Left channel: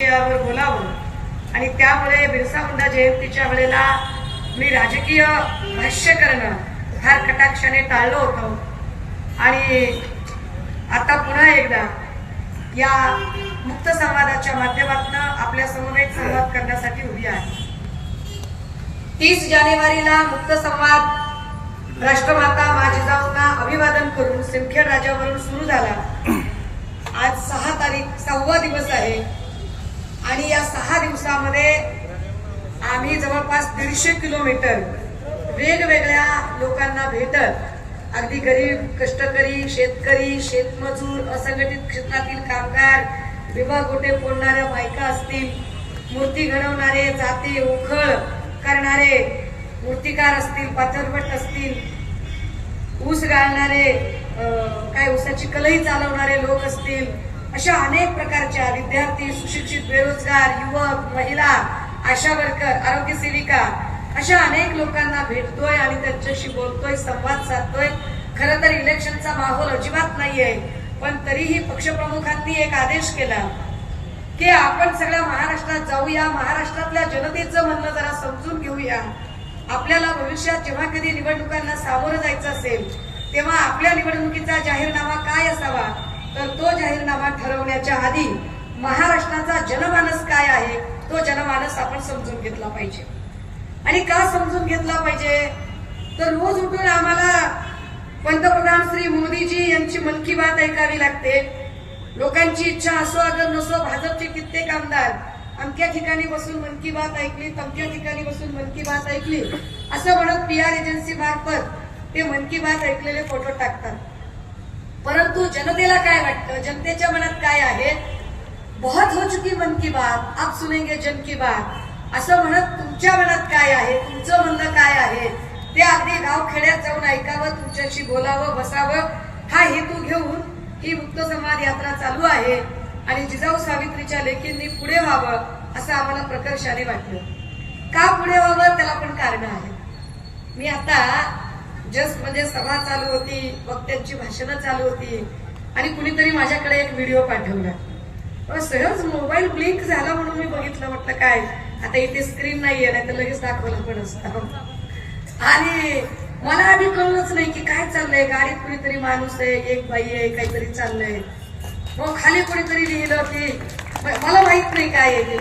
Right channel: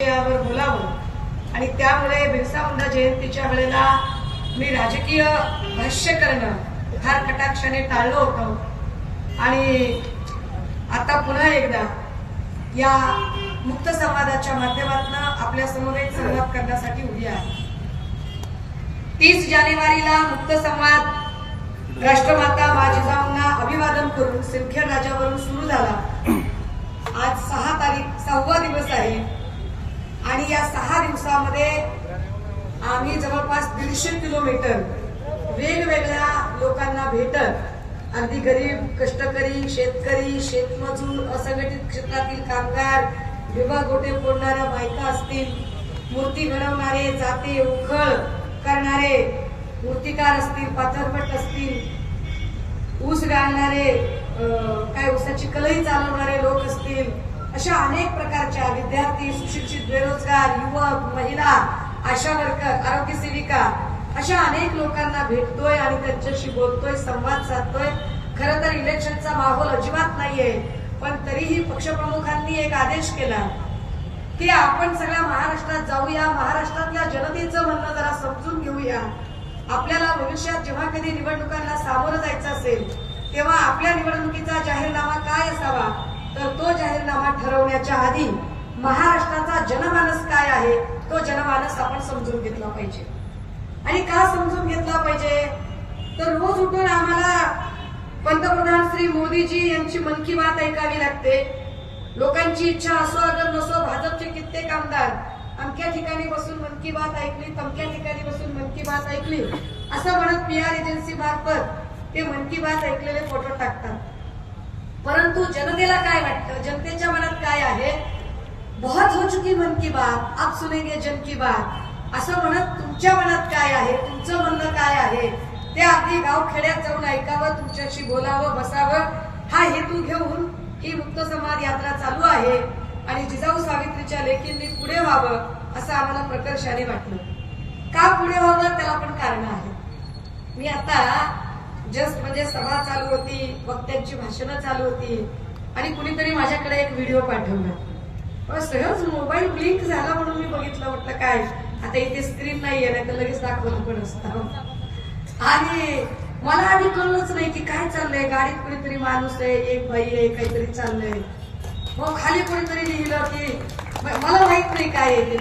यावर बोलावं आणि त्यामुळे बिरसा मुंडा जयंतीच्या वेळेला मी राजकीय भाष्य करणं फार कटाक्षाने टाळलं होतं आणि आता पुन्हा एकदा या मुक्त संवादाच्या माध्यमातून आपल्या समवेत संवाद करण्यासाठी उभी आहे। 30 जानेवारीला मुक्त संवाद राष्ट्रमाता मा जिजाऊंना अभिवादन करून सिंदखेड राजावरून सुरू झाला। आज 6 दिवस आहे आणि या 6 दिवसामध्ये आम्ही जवळपास 150 किलोमीटर वेगवेगळ्या लोकांना भेटत अगदी गरीब कष्टकरी शेतकरी शेतमजूर असंघटित क्षेत्रातील कामगार विवाह गोटे फोडणाऱ्या बायका असतील मूर्ती घडवणारे जाते उखळ करणारे मूर्तिकार असतील पाथरपट असतील ऊस गाळणारे काय ऊसाची कलई चालवणारे लोक असतील अशा अनेक प्रकारच्या विद्यार्थी सुशिक्षित बेरोजगार युवक महिला आशा वर्कर आरोग्य सेविका अशा अनेक लोकांना भेटतोय आणि त्यांच्याशी बोलतोय संवाद साधतोय। खरं तर इलेक्शनचा माहोल अजिबात नाहीये पण तरीही पक्षप्रमुखांनी एक आदेश केला की आपण सगळ्या महाराष्ट्रात जाऊया महाराष्ट्रातल्या जनतेचं म्हणणं जरा समजून घेऊया। आपल्याला भविष्यात जेव्हा कधी निवडणुकांना सामोरं जायचं असेल तेव्हा आपल्या निवडणुकीचा जाहीरनामा काय असावा तर तो जाहीरनामा ठरवण्याच्या आधी महाराष्ट्राचा जनमानस काय आहे तो जनमानस आपण समजून घेतला पाहिजे। आणि का समजून घेतला पाहिजे तर रोज उठून आम्हाला पंतप्रधान श्री मोदीजी यांची मन की बात ऐकावी लागते। लोकांची इच्छा असो अगर नसो भाजपचे कित्येक आमदार अमक्या ठिकाणी बसून मन की बात ऐकली तमक्या ठिकाणी बसून मन की बात ऐकली असं म्हणत पीआर एजन्सी मार्फत ते मन की बात ऐकलेले फोटो टाकतात। परंतु जनतेला काय वाटतं जनतेच्या मनात काय आहे बहुत हो चुकी मन की बात आप सुनेंगे जन की बात असं म्हणत तुमच्या मनात काय आहे तुमचं म्हणणं काय आहे ते अगदी गाव खेड्यात जाऊन ऐकावं तुमच्याशी बोलावं बसावं हा हेतू घेऊन ही मुक्त संवाद यात्रा चालू आहे आणि जिजाऊ सावित्रीच्या लेकींनी पुढे व्हावं असं आम्हाला प्रकर्षाने वाटलं। का पुढे व्हावं त्याला पण कारण आहे। मी आता जस्ट म्हणजे सभा चालू होती वक्त्यांची भाषणं चालू होती आणि कुणीतरी माझ्याकडे एक व्हिडिओ पाठवला सहज मोबाईल ब्लिंक झाला म्हणून मी बघितलं म्हटलं काय आता इथे स्क्रीन नाहीये नाही तर लगेच दाखवलं पण असतं आणि मला आधी कळलंच नाही की काय चाललंय गाडीत कुणीतरी माणूस आहे एक बाई आहे काहीतरी चाललंय मग खाली कोणीतरी लिहिलं की मला माहित नाही काय आहे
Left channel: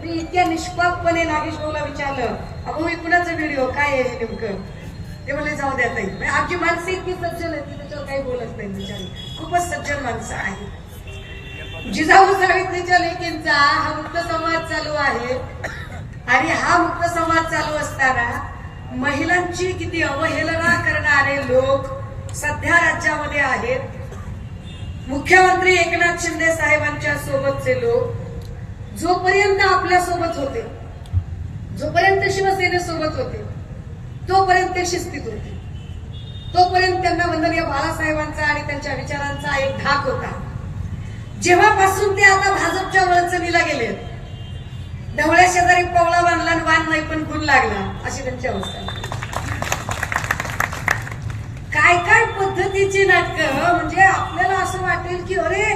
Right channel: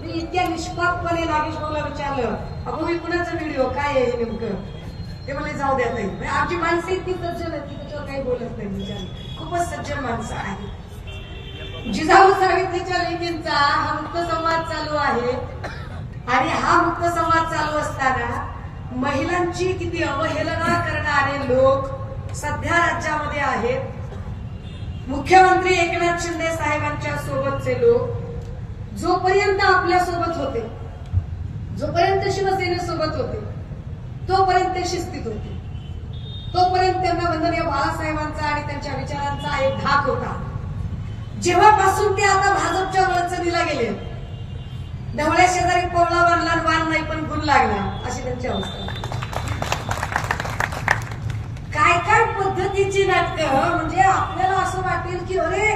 मी इतक्या निष्पापपणे नागेशभाऊला विचारलं अगो मी कुणाचा व्हिडिओ काय आहे हे नेमकं ते मला जाऊ द्या ताई आमची माणसं इतकी सज्जन आहेत की त्याच्यावर काही बोलत नाही विचार खूपच सज्जन माणसं आहे। जिजाऊ सावित्रीच्या लेकींचा हा मुक्त संवाद चालू आहे आणि हा मुक्त संवाद चालू असताना महिलांची किती अवहेलना करणारे लोक सध्या राज्यामध्ये आहेत। मुख्यमंत्री एकनाथ शिंदे साहेबांच्या सोबतचे लोक जोपर्यंत आपल्या सोबत होते जोपर्यंत शिवसेनेसोबत होते तोपर्यंत शिस्तीत होते तोपर्यंत त्यांना वंदनीय बाळासाहेबांचा आणि त्यांच्या विचारांचा एक धाक होता। जेव्हापासून ते आता भाजपच्या वळचणीला गेले ढवळ्या शेजारी पवळा बांधला वाण नाही पण गुण लागला अशी त्यांची अवस्था। काय काय पद्धतीची नाटकं म्हणजे आपल्याला असं वाटेल की अरे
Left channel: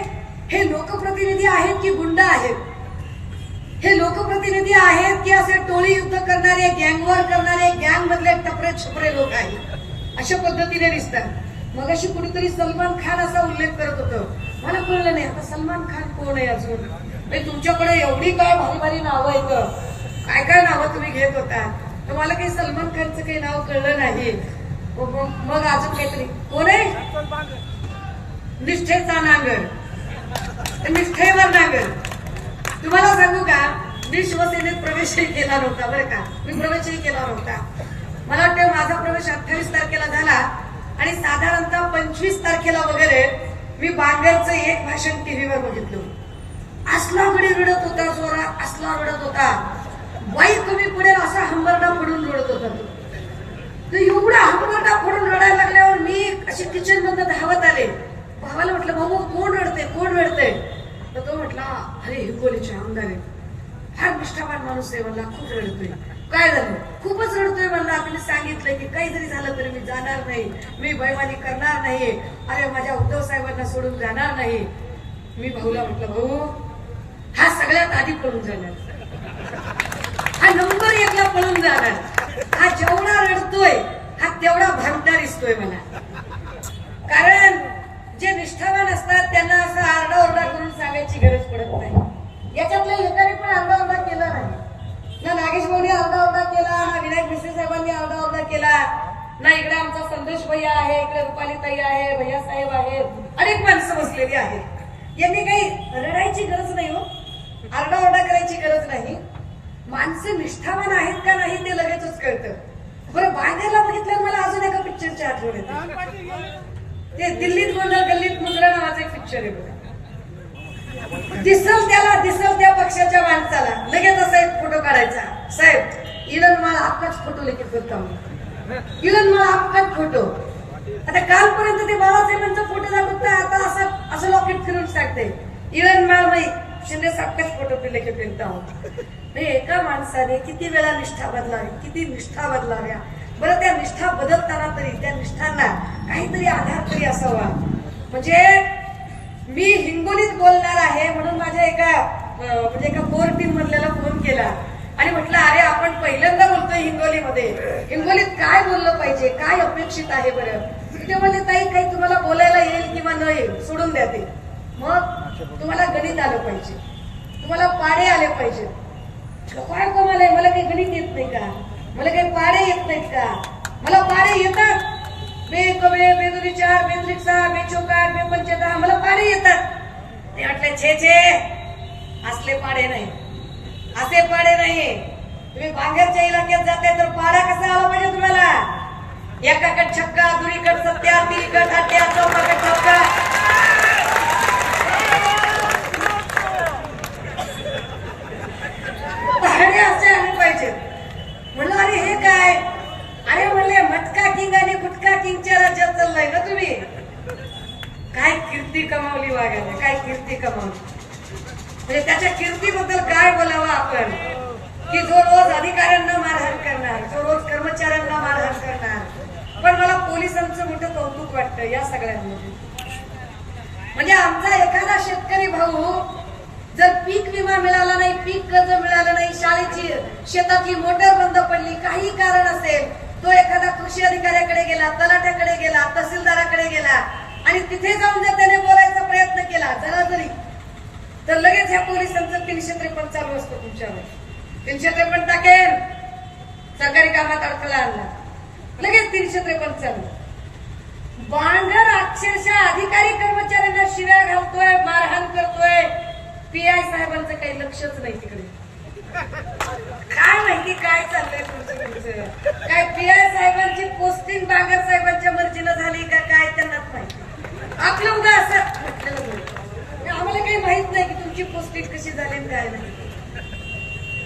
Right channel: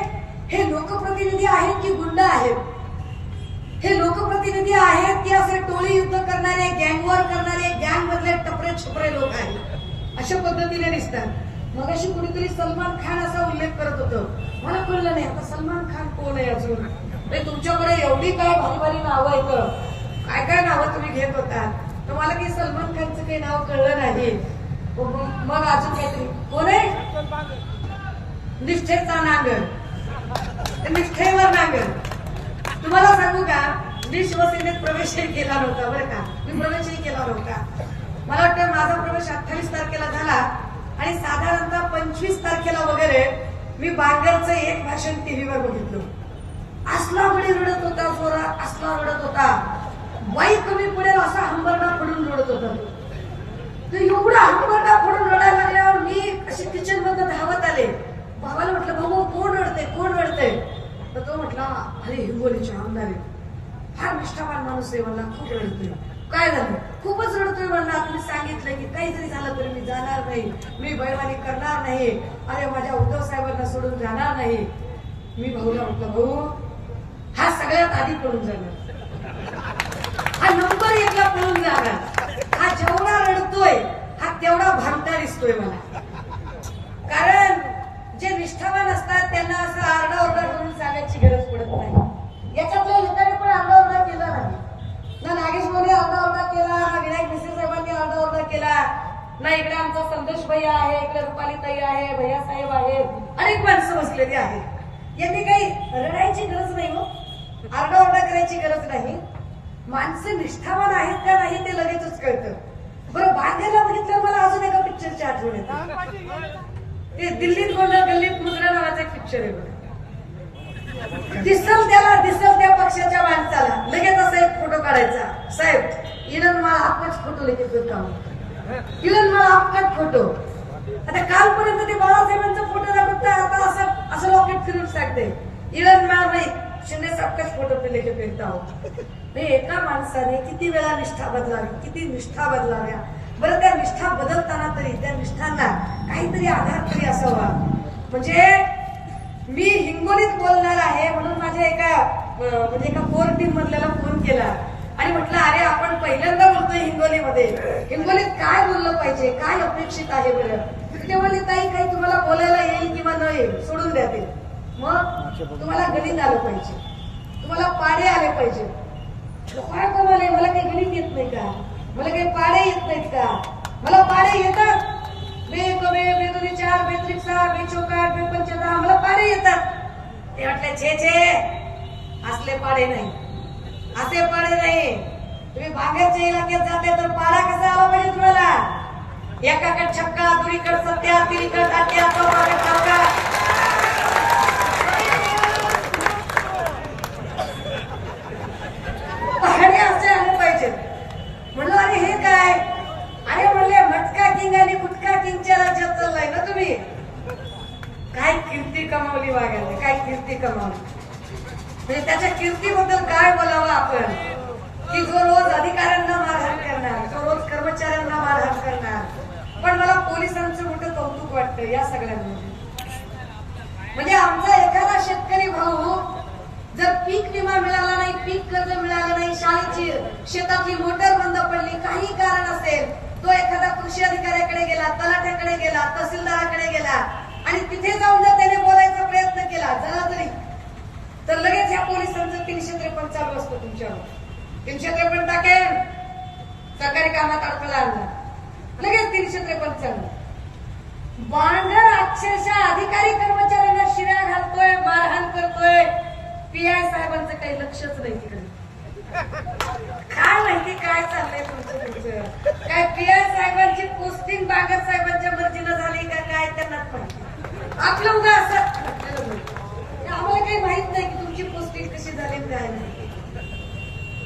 हे लोकप्रतिनिधी आहेत की गुंड आहेत हे लोकप्रतिनिधी आहेत की असे टोळी युद्ध करणारे गँगवॉर करणारे गँग मधले टपरे छपरे लोक आहेत अशा पद्धतीने दिसतात। मग अशी कुणीतरी सलमान खान असा उल्लेख करत होतं मला कळलं नाही आता सलमान खान कोण आहे अजून तुमच्याकडे एवढी काय भारी भारी नावं आहेत काय काय नावं तुम्ही घेत होता तर मला काही सलमान खानचं काही नाव कळलं नाही। मग अजून काहीतरी कोण आहे निष्ठेचा नांगर निष्ठेवर नांगर तुम्हाला सांगू का मी शिवसेनेत प्रवेशही केला नव्हता बरं का मी प्रवेशही केला नव्हता मला वाटतं माझा प्रवेश 28 तारखेला झाला आणि साधारणतः 25 तारखेला वगैरे मी बांगरचं एक भाषण टीव्हीवर बघितलं असला गडी रडत होता जोरा असला रडत होता बाई कमी पडेल असा हंबरडा पडून रडत होता तो एवढा हंबरडा पडून रडायला लागल्यावर मी अशी किचन मधून धावत आले भावाला म्हटलं भाऊ कोण रडते तर तो म्हटला अरे हिंगोलीचे आमदार आहे फार निष्ठावान माणूस आहे मला खूप रडतोय काय झालं खूपच रडतोय म्हणलं आपण सांगितलं की काही जरी झालं तरी मी जाणार नाही मी बैमानी करणार नाही अरे माझ्या उद्धव साहेबांना सोडून जाणार नाही। मी भाऊला म्हटलं भाऊ हा सगळ्यात आधी पळून जाणार, हा नंबर 1 ला पळून जाणार, हा जेवढा रडतोय हा तेवढा भामटा दिसतोय मला. कारण जे निष्ठावान असतात त्यांना असं आरडाओरडा करून सांगायची गरज पडत नाही. याच्यातल्या लोकांनी पण आरडाओरडा केला नाही ना, नागेश भाऊने आरडाओरडा केला, ना विनायक मिश्र साहेबांनी आरडाओरडा केला, ना इकडे आमचा संदेश भैया आहे, इकडे रुपाली ताई आहे, भैया साहेब आहे, अनेक माणसं बसलेली आहेत. यांनी काही रडायची गरज नाही हो, आरडाओरडा करायची गरज नाही. माणसं निष्ठावान आहेत का नाही ते लगेचच कळतं. बरं, बांधेला बघितलं मला अजून एका पिक्चरची आठवण येते. ते दिल्लीत गोंधळ गल्लीत मुजरा नावाचा एक पिक्चर आहे. दिसल त्या पक्षाच्या माणसाला लगेच असा एक फोटो काढायचा. साहेब इलन मला आपलाच फोटो लेके फिरता, इलन मला आपलाच फोटो. आता कालपर्यंत ते बाबासाहेबांचा फोटो दाखवत, आता असं लॉकेट फिरून सांगते इलन मला नाही शिंदे साहेबचाच फोटो लेके फिरता आहोत. एका माणसाने किती वेळा निष्ठा बदलावी, किती निष्ठा बदलाव्या. बरं, त्या निष्ठा बदलताना तरी त्या निष्ठांना काहीतरी आधार तरी असावा. म्हणजे मी हिंगोलीत बोलणार आहे म्हणून माझ्या एका कोर टीम मधल्याला फोन केला आणि म्हटलं अरे आपण पहिल्यांदा बोलतोय हिंगोलीमध्ये, हिंगोलीत काय बोललं पाहिजे, काय अपेक्षित आहे बरं. ते म्हणले ताई काही तुम्हाला बोलायला येईल किंवा न येईल सोडून द्या ते, मग तुम्हाला गणित आलं पाहिजे, तुम्हाला पाडे आले पाहिजे. काय कोमाले, मला काही गणित येत नाही का, मला काही पाडे येत नाहीत का. मला पाडे येतात, बे 2 4 बे 6 बे 4 बे 5 मला पाडे येतात. ते म्हटले छे असले पाडे नाही, असे पाडे नाही. तुम्ही बाहेरच्या इलाक्यात जाताय तर पाडा कसा आला पाहिजे तुम्हाला. एकाकडे छक्का, दुरीकडे सत्या, तिरीकडे हत्या, चौकाकडे छक्का. पाडे असे आले पाहिजेत. म्हणलं अरे हे काय, अरे म्हणले मटका किंग आणि गुटखा किंगच्या राज्यात चाललाय ना तुम्ही. काय कीर्ती कमावली वागायला, काय कीर्ती कमावली. म्हणजे त्याच्या कीर्तीबद्दल काय बोलावं आपण, की जो रोज अधिकाऱ्यांना मारहाण करणार, जो रोज कर्मचाऱ्यांना मारहाण करणार. पण मला पोलिसांचं मोठं कौतुक वाटतं या सगळ्यांमध्ये. म्हणजे आमचा एखादा शेतकरी भाऊ जर पीक विमा मिळाला नाही, पीक कर्ज मिळालं नाही, शेताची मोटर बंद पडली, काही कारण असेल, तो एखादा कृषी अधिकाऱ्याकडे गेला, तलाठ्याकडे गेला, तहसीलदाराकडे गेला आणि तिथे जाऊन जर त्याने बोलायचा प्रयत्न केला जरा जरी, तर लगेच ह्या पोलिसांचं 353 चालू असतो तुमच्यावर. 353 टाकेल, सरकारी कामात अडथळा आणला, लगेच 353 चालू. बांधर अक्षरशः अधिकारी कर्मचाऱ्यांना शिव्या घालतोय, मारहाण करतोय. पीआय साहेबांचं काही लक्षच नाही तिकडे. काय माहिती काय चाललंय तुमचं. काय पीआय साहेबांची पोस्टिंग बांगर साहेबांच्या मर्जीनं झाली का काय त्यांनाच माहिती. आपलं उद्या असं म्हटलेलं नाही, आम्हाला काही माहित नाही की तुमची पोस्टिंग कशी झाली काय नाही.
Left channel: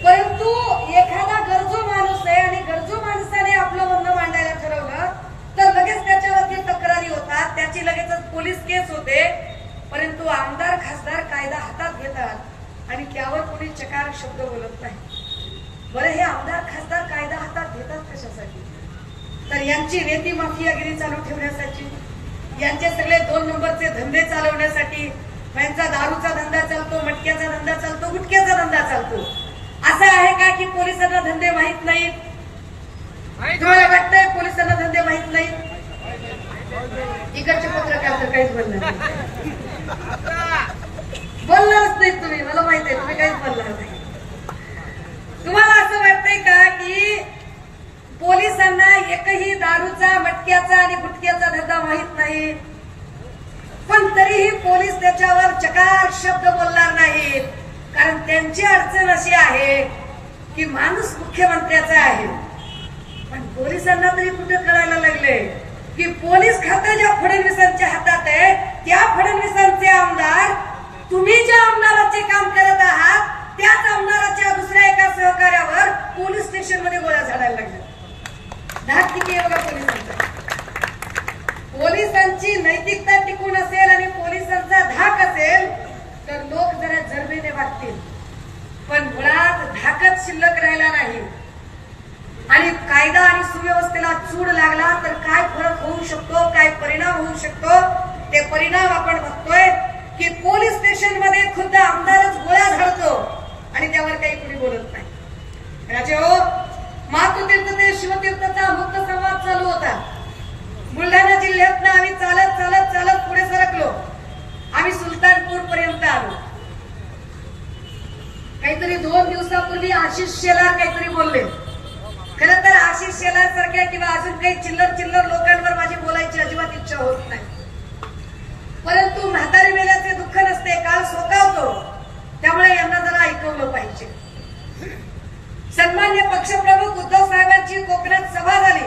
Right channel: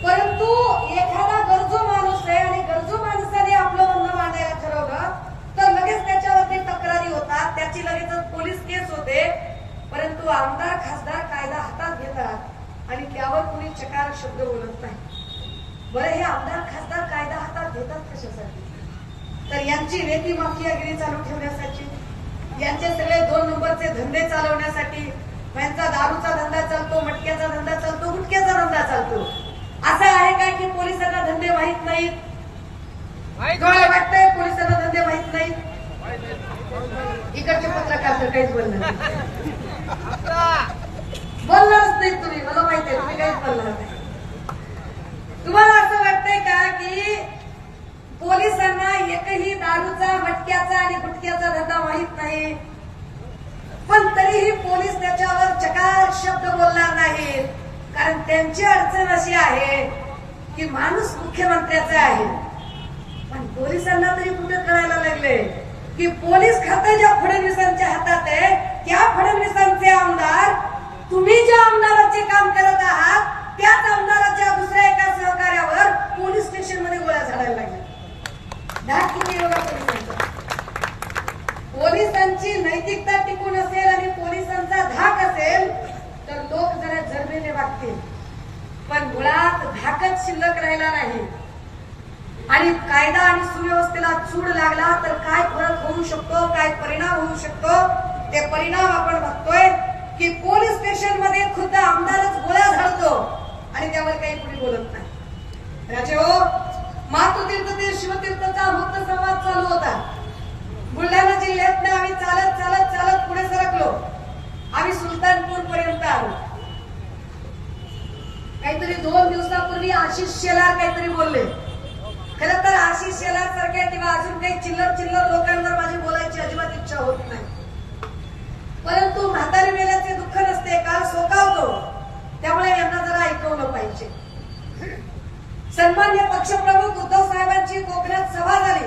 परंतु एखादा गरजू माणूस आहे आणि गरजू माणसाने आपलं म्हणणं मांडायला ठरवलं तर लगेच त्याच्यावरती तक्रारी होतात, त्याची लगेचच पोलीस केस होते. परंतु आमदार खासदार कायदा हातात घेतात आणि त्यावर कोणी चकार शब्द बोलत नाही. बरं, हे आमदार खासदार कायदा हातात घेतात कशासाठी, तर यांची नेती माफियागिरी चालू ठेवण्यासाठी, यांचे सगळे 2 नंबरचे धंदे चालवण्यासाठी. यांचा दारूचा धंदा चालतो, मटक्याचा धंदा चालतो, गुटक्याचा धंदा चालतो. असं आहे का की पोलिसांना धंदे माहीत नाहीत? तुम्हाला वाटतंय पोलिसांना धंदे माहीत नाहीत? इकडचे पत्रकार तर काहीच बोलणार बोलणारच नाही तुम्ही, मला माहित आहे तुम्ही काहीच बोलणार नाही. तुम्हाला असं वाटतंय का की पोलिसांना एकही दारूचा, मटक्याचा आणि गुटक्याचा धंदा माहीत नाही, पण तरीही पोलीस त्याच्यावर चकार शब्द बोलणार नाहीत. कारण त्यांची अडचण अशी आहे की माणूस मुख्यमंत्र्याचा आहे. पण पोलिसांना तरी कुठे कळायला लागले की पोलीस खातं ज्या फडणवीसांच्या हातात आहे त्या फडणवीसांचे आमदार, तुम्ही ज्या आमदाराचे काम करत आहात त्याच आमदाराच्या दुसऱ्या एका सहकार्यावर पोलीस स्टेशनमध्ये गोळ्या झाडायला लागल्या. धाक किती आहे बघा पोलिसांचा. पोलिसांची नैतिकता टिकून असेल आणि पोलिसांचा धाक असेल तर लोक जरा जरबेने वागतील, पण मुळात धाकच शिल्लक राहिला नाही. आणि कायदा आणि सुव्यवस्थेला चूड लागला तर काय फरक होऊ शकतो, काय परिणाम होऊ शकतो, ते परिणाम आपण बघतोय. की पोलीस स्टेशन मध्ये खुद्द आमदारच गोळ्या झाडतो आणि त्यावर काही कुणी बोलत नाही. राजे हो, मातृतीर्थ ते शिवतीर्थचा मुक्त संवाद चालू होता. बुलढाणा जिल्ह्यातनं आम्ही चालत चालत चालत पुढे सरकलो. आम्ही सुलतानपूर पर्यंत आलो. काहीतरी 2 दिवसापूर्वी आशिष शेलार काहीतरी बोलले. खरं तर आशिष शेलार सारख्या किंवा अजून काही चिल्लर चिल्लर लोकांवर माझी बोलायची अजिबात इच्छा होत नाही. परंतु म्हातारी मेल्याचे दुःख नसते, काल सोकावतो, त्यामुळे यांना जरा ऐकवलं पाहिजे. सन्मान्य पक्षप्रमुख उद्धव साहेबांची कोकणात सभा झाली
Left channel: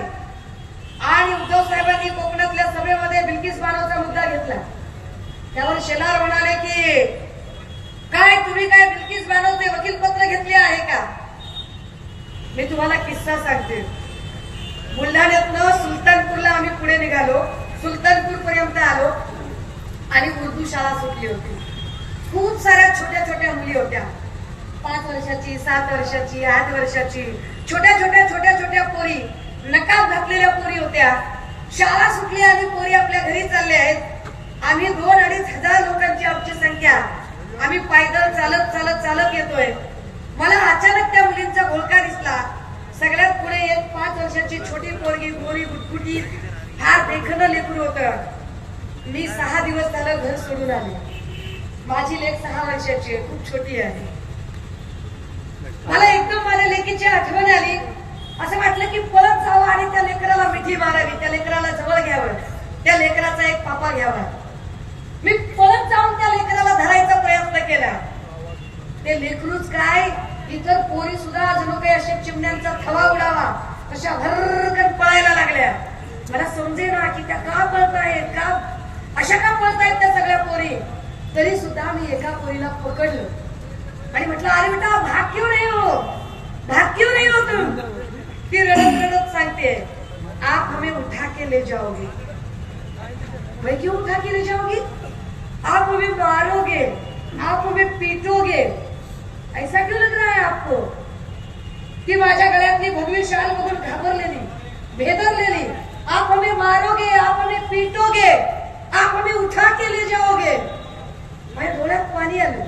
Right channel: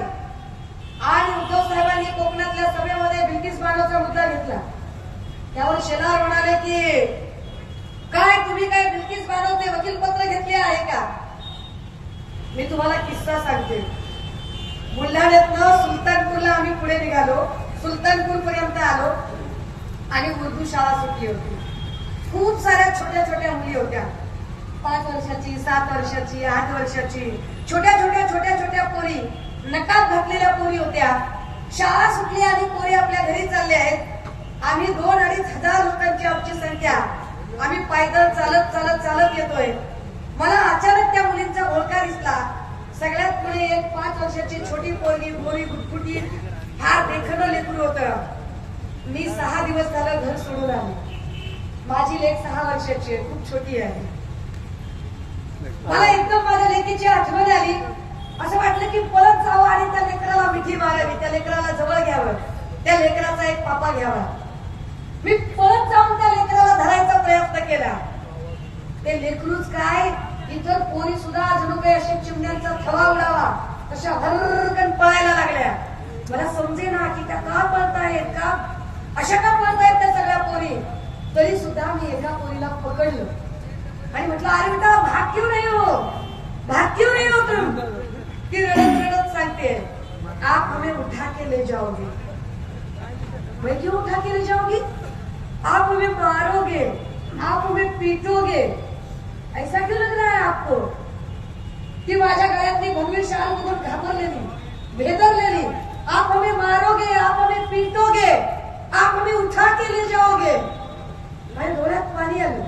आणि उद्धव साहेबांनी कोकणातल्या सभेमध्ये बिल्किस बानोचा मुद्दा घेतला. त्यावर शेलार म्हणाले की काय तुम्ही काय बिल्किस बानोचे वकीलपत्र घेतले आहे का? मी तुम्हाला किस्सा सांगते. बुलढाण्यातनं सुलतानपूरला आम्ही पुढे निघालो. सुलतानपूर पर्यंत आलो आणि उर्दू शाळा सुटली होती. खूप साऱ्या छोट्या छोट्या मुली होत्या. 5 वर्षाची, 7 वर्षाची, 8 वर्षाची, छोट्या छोट्या छोट्या छोट्या पोरी, नकाब घातलेल्या पोरी होत्या. शाळा सुटली आणि पोरी आपल्या घरी चालले आहेत. आम्ही 2-2.5 हजार लोकांची आमची संख्या. आम्ही पायदळ चालत चालत चालत येतोय. मला अचानक त्या मुलींचा घोळका दिसला. सगळ्यात पुढे एक 5 वर्षाची छोटी पोरगी, गोरी गुटगुटी, फार देखणं लेकरू होतं. मी 6 दिवस झालं घर सोडून आले. माझी लेक 6 वर्षाची आहे, खूप छोटी आहे. मला एकदम माझ्या लेकीची आठवण आली. असं वाटलं की पळत जावं आणि त्या लेकराला मिठी मारावी, त्या लेकराला जवळ घ्यावं, त्या लेकराचा एक पापा घ्यावा. मी पळत जाऊन त्या लेकराला धरायचा प्रयत्न केला. ते लेकरूच काय, इतर पोरी सुद्धा जणू काही अशा चिमण्यांचा थवा उडावा तशा भरकन पळायला लागल्या. मला समजेना की त्या का पळतायत, का अशा का पळतायत त्या सगळ्या पोरी. तरी सुद्धा मी एका पोरीला पकडलं आणि म्हटलं, अरे बेटा भाग क्यों नहीं हो, भाग क्यों नहीं हो तुम? ती रडत रडत सांगते, आप हमें उठा के ले जाओगे. मैं क्यों उठा के ले जाओगी? आप हमें मारोगे, आप हमें पीटोगे. ऐसा क्यों लग रहा है आपको कि माझ्या गळ्यातली भगवी शाल मधून घाबरलेली, भेदरलेली, आप हमें मारोगे, आप हमें पीटोगे, आप हमें उठा के ले जाओगे. माझ्या डोळ्यात पाणी आलं.